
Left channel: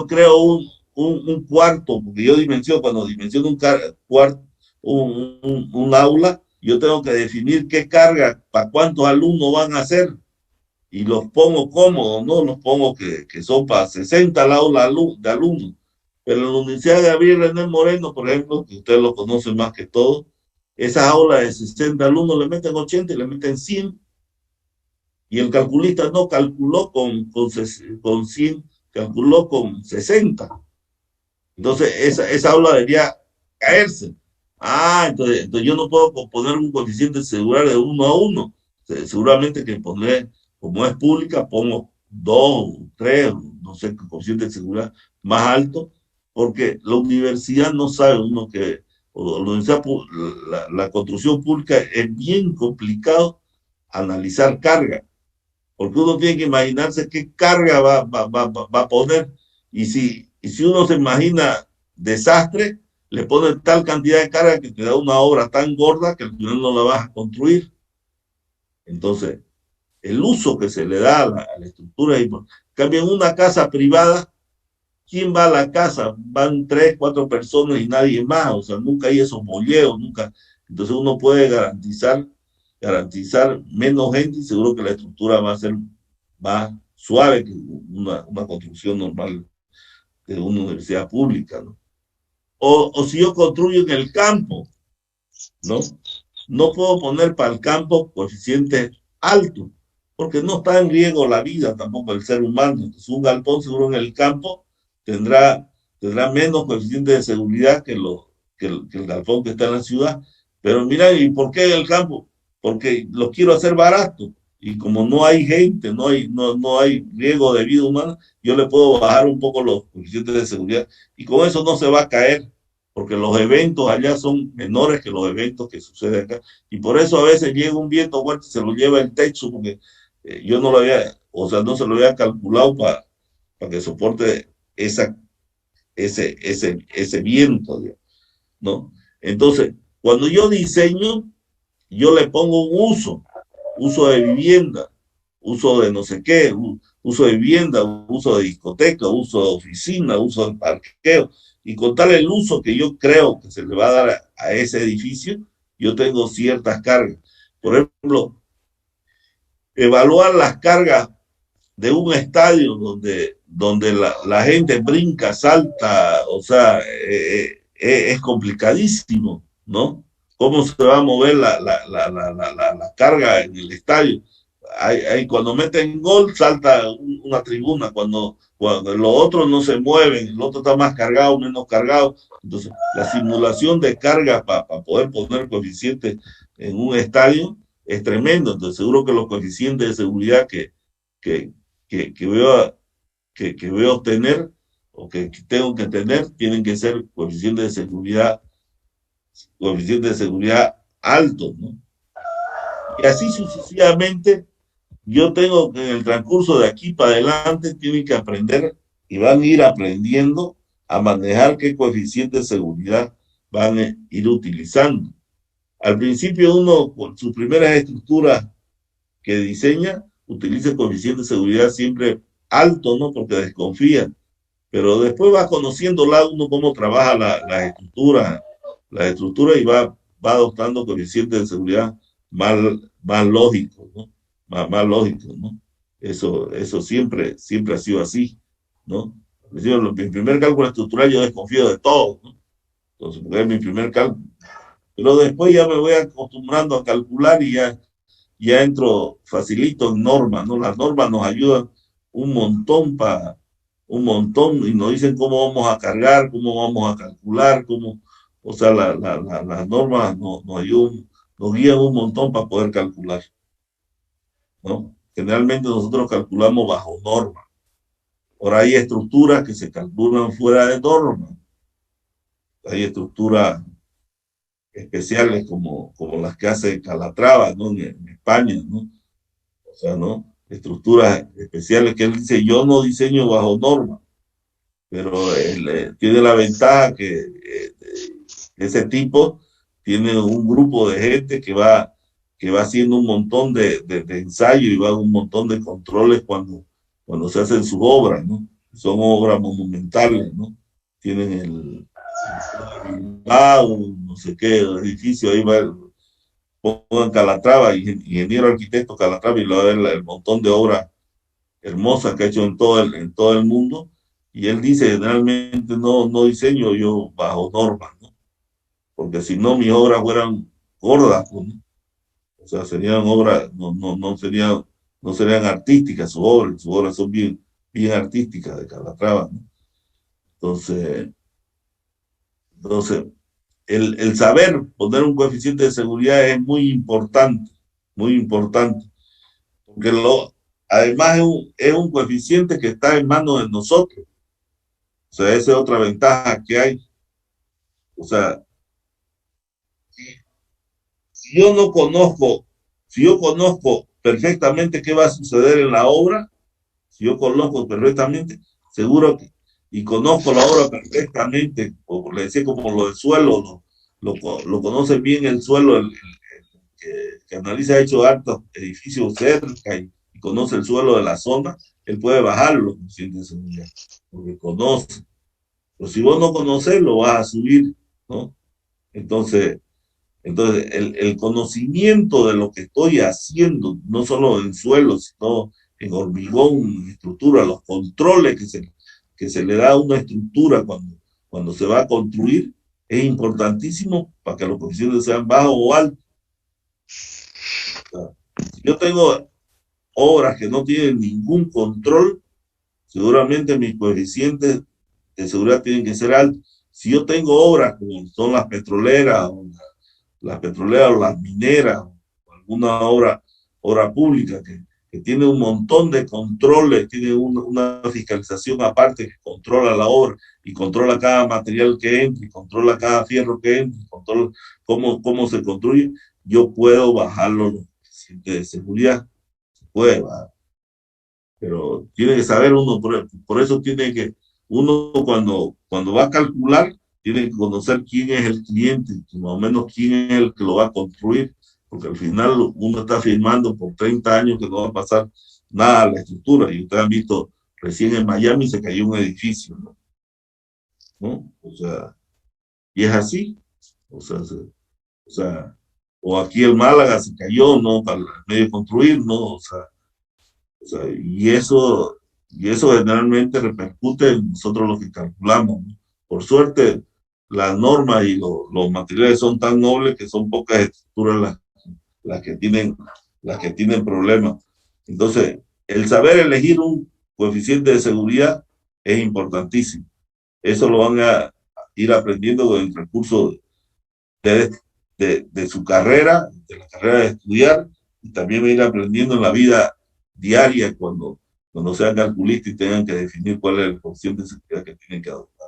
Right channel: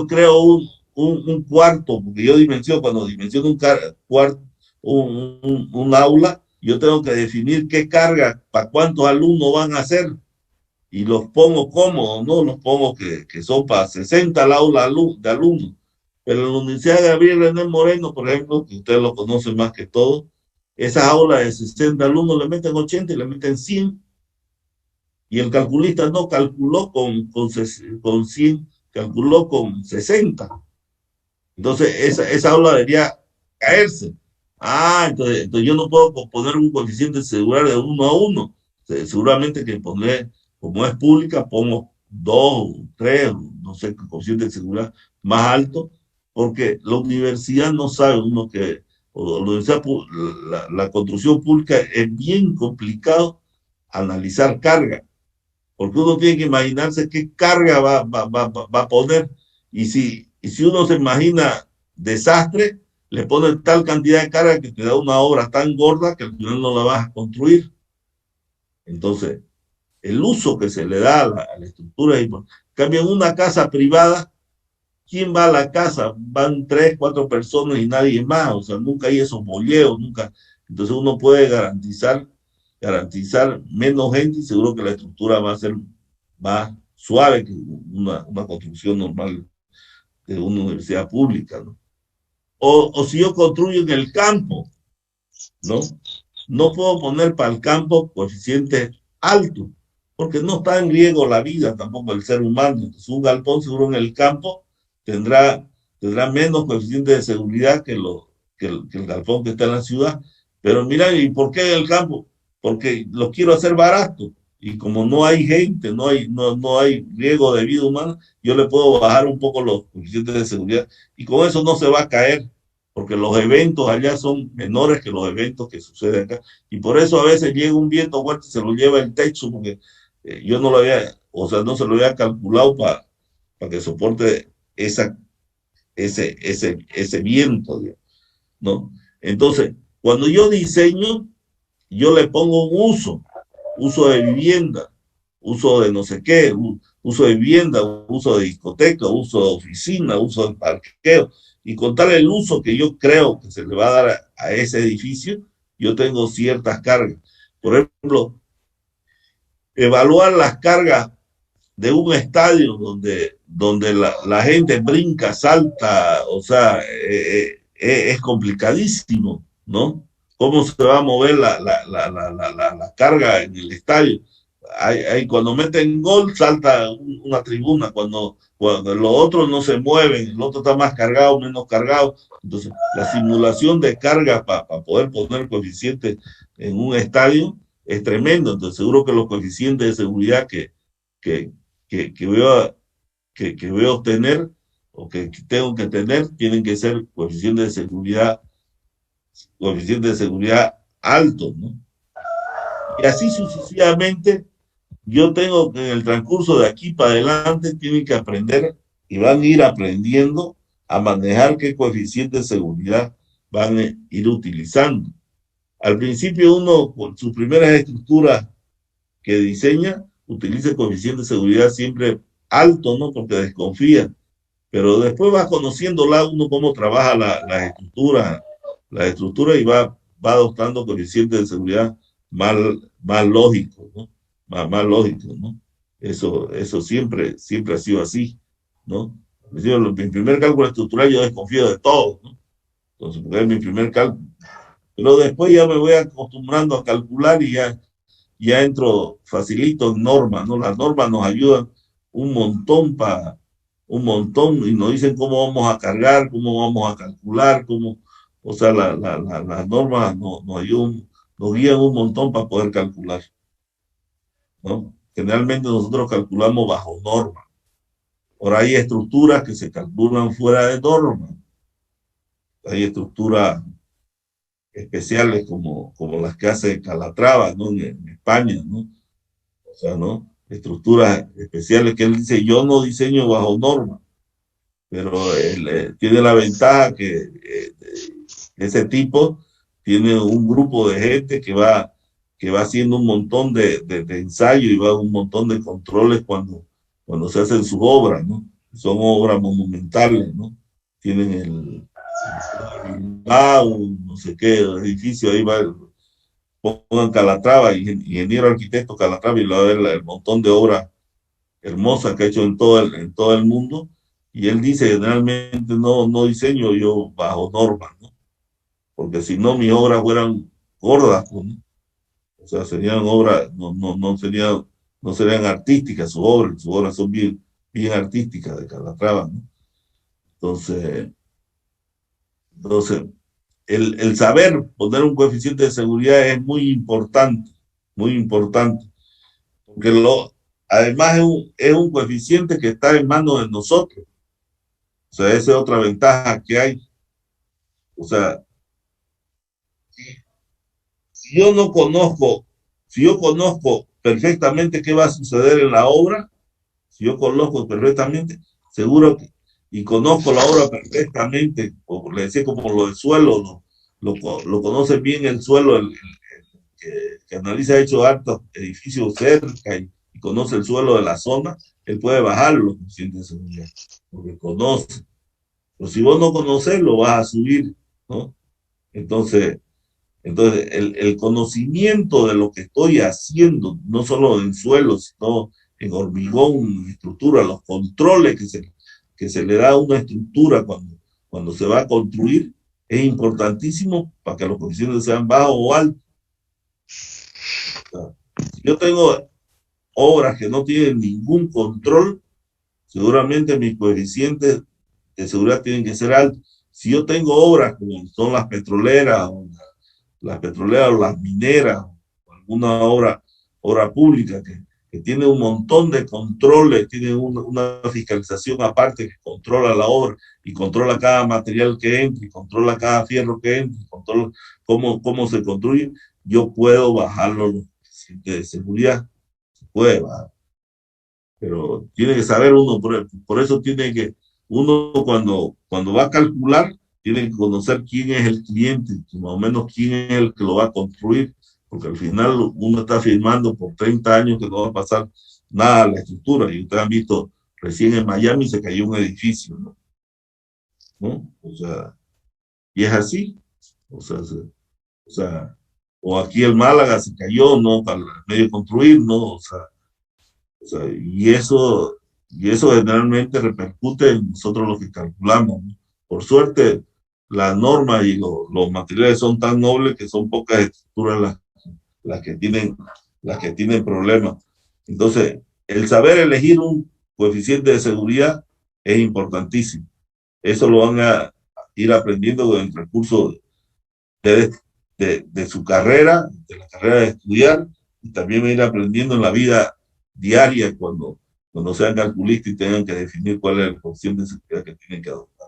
creo un cuarto, porque cuando dimensiono un aula, yo tengo que definir qué carga, para cuántos alumnos van a ser, y los pongo cómodos, ¿no? Los pongo que son para 60 al aula de alumnos. Pero en la Universidad de Gabriel René Moreno, por ejemplo, que ustedes lo conocen más que todo, esas aulas de 60 alumnos le meten 80 y le meten 100. Y el calculista no calculó con 100 calculó con 60. Entonces, esa aula debería caerse. Entonces yo no puedo poner un coeficiente de seguridad de 1 a 1. Seguramente que pondré, como es pública, pongo 2, 3, no sé, coeficiente de seguridad más alto, porque la universidad no sabe uno que, o la, universidad, la construcción pública es bien complicado analizar carga, porque uno tiene que imaginarse qué carga va a poner, y si uno se imagina desastre, le pone tal cantidad de carga que te da una obra tan gorda que al final no la vas a construir. Entonces, el uso que se le da a la estructura es importante. Cambia en una casa privada, ¿quién va a la casa? Van 3, 4 personas y nadie más, o sea, nunca hay esos bolleos, nunca. Entonces uno puede garantizar menos gente y seguro que la estructura va a ser más suave que una construcción normal de una universidad pública, ¿no? O si yo construyo en el campo, ¿no? No puedo poner para el campo coeficientes altos, porque no está en riesgo la vida tampoco el ser humano. Entonces, un galpón seguro en el campo tendrá menos coeficientes de seguridad que el galpón que está en la ciudad. Pero mira, ¿y por qué en el campo? Porque lo quiero hacer barato. Y como no hay gente, no hay riesgo de vida humana, yo le puedo bajar un poco los coeficientes de seguridad. Y con eso no se va a caer, porque los eventos allá son menores que los eventos que suceden acá. Y por eso a veces llega un viento fuerte y se lo lleva el techo, porque yo no lo había, o sea, no se lo había calculado para que soporte ese viento, ¿no? Entonces, cuando yo diseño, yo le pongo un uso de vivienda, uso de no sé qué, uso de vivienda, uso de discoteca, uso de oficina, uso de parqueo, y con tal el uso que yo creo que se le va a dar a ese edificio, yo tengo ciertas cargas. Por ejemplo, evaluar las cargas de un estadio donde la gente brinca, salta, o sea, es complicadísimo, ¿no? ¿Cómo se va a mover la carga en el estadio? Cuando meten gol, salta una tribuna, cuando los otros no se mueven, el otro está más cargado, menos cargado. Entonces, la simulación de carga para poder poner coeficientes en un estadio es tremendo. Entonces, seguro que los coeficientes de seguridad que, que voy a obtener o que tengo que tener tienen que ser coeficientes de seguridad altos, ¿no? Y así sucesivamente, yo tengo que en el transcurso de aquí para adelante, tienen que aprender y van a ir aprendiendo a manejar qué coeficiente de seguridad van a ir utilizando. Al principio uno, con sus primeras estructuras que diseña, utiliza el coeficiente de seguridad siempre alto, ¿no? Porque desconfía. Pero después va conociendo uno cómo trabaja las estructuras y va adoptando coeficientes de seguridad más lógicos, ¿no? Más lógicos, ¿no? Eso siempre ha sido así, ¿no? En mi primer cálculo estructural yo desconfío de todo, ¿no? Entonces, porque es mi primer cálculo. Pero después ya me voy acostumbrando a calcular y ya entro facilito en normas, ¿no? Las normas nos ayudan un montón y nos dicen cómo vamos a cargar, cómo vamos a calcular, o sea, las normas nos ayudan, nos guían un montón para poder calcular, ¿no? Generalmente nosotros calculamos bajo norma. Ahora hay estructuras que se calculan fuera de norma. Hay estructuras especiales como las que hace Calatrava, ¿no? En España, ¿no? O sea, ¿no? Estructuras especiales que él dice, yo no diseño bajo norma, pero él tiene la ventaja que ese tipo tiene un grupo de gente que va haciendo un montón de ensayos y va a un montón de controles cuando se hacen sus obras, ¿no? Son obras monumentales, ¿no? Tienen el no sé qué, el edificio, ahí va, pongan Calatrava, ingeniero arquitecto Calatrava, y lo va a ver el montón de obras hermosas que ha hecho en todo el mundo, y él dice, generalmente no diseño yo bajo normas, ¿no? Porque si no, mis obras fueran gordas, ¿no? O sea, serían obras, no serían artísticas sus obras son bien bien artística de Calatrava, ¿no? Entonces el saber poner un coeficiente de seguridad es muy importante, porque además es un coeficiente que está en manos de nosotros. O sea, esa es otra ventaja que hay. O sea, si yo no conozco, si yo conozco perfectamente qué va a suceder en la obra, si yo conozco perfectamente, seguro que, y conozco la obra perfectamente, como le decía, como lo del suelo, lo conoce bien el suelo, que analiza, ha hecho hartos edificios cerca y conoce el suelo de la zona, él puede bajar los coeficientes de seguridad, porque conoce. Pero si vos no conoces, lo vas a subir, ¿no? Entonces el conocimiento de lo que estoy haciendo, no solo en suelo, sino en hormigón, en estructura, los controles que se le da a una estructura cuando se va a construir, es importantísimo para que los coeficientes sean bajos o altos. O sea, si yo tengo obras que no tienen ningún control, seguramente mis coeficientes de seguridad tienen que ser altos. Si yo tengo obras como son las petroleras o las mineras, o alguna obra pública que tiene un montón de controles, tiene una fiscalización aparte que controla la obra y controla cada material que entra y controla cada fierro que entra y controla cómo se construye, yo puedo bajarlo los coeficientes de seguridad. Se puede bajar. Pero tiene que saber uno, por eso tiene que, uno cuando va a calcular, tiene que conocer quién es el cliente, más o menos quién es el que lo va a construir, porque al final uno está firmando por 30 años que no va a pasar nada a la estructura, y ustedes han visto, recién en Miami se cayó un edificio, ¿no? ¿No? O sea, y es así, o sea, o aquí en Málaga se cayó, ¿no? Para el medio construir, ¿no? O sea, y eso generalmente repercute en nosotros los que calculamos, ¿no? Por suerte, las normas y los materiales son tan nobles que son pocas estructuras las las que tienen problemas. Entonces, el saber elegir un coeficiente de seguridad es importantísimo. Eso lo van a ir aprendiendo en el recurso de su carrera, de la carrera de estudiar, y también va a ir aprendiendo en la vida diaria cuando sean calculistas y tengan que definir cuál es el coeficiente de seguridad que tienen que adoptar.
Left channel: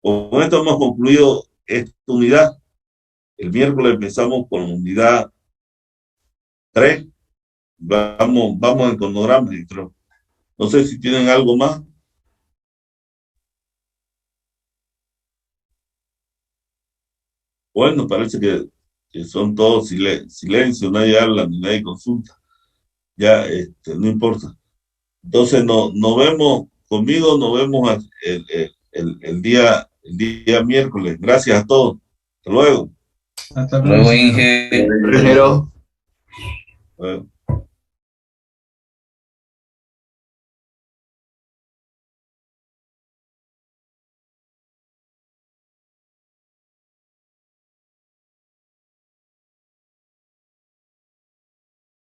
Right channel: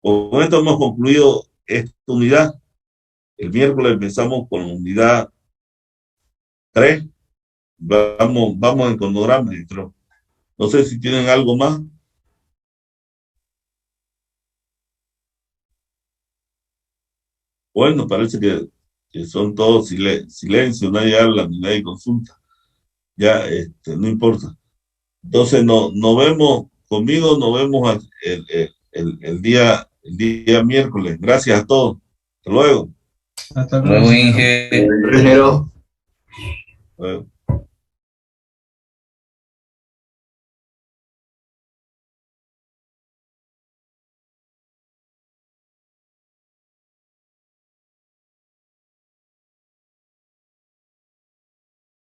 Con esto hemos concluido esta unidad. El miércoles empezamos con la unidad 3. Vamos en cronograma, creo. No sé si tienen algo más. Bueno, parece que son todos silencio, nadie habla, ni nadie consulta. Ya, no importa. Entonces, nos vemos conmigo, nos vemos el día miércoles. Gracias a todos. Hasta luego. Hasta luego, Luego, Inge. ingeniero. Hasta luego.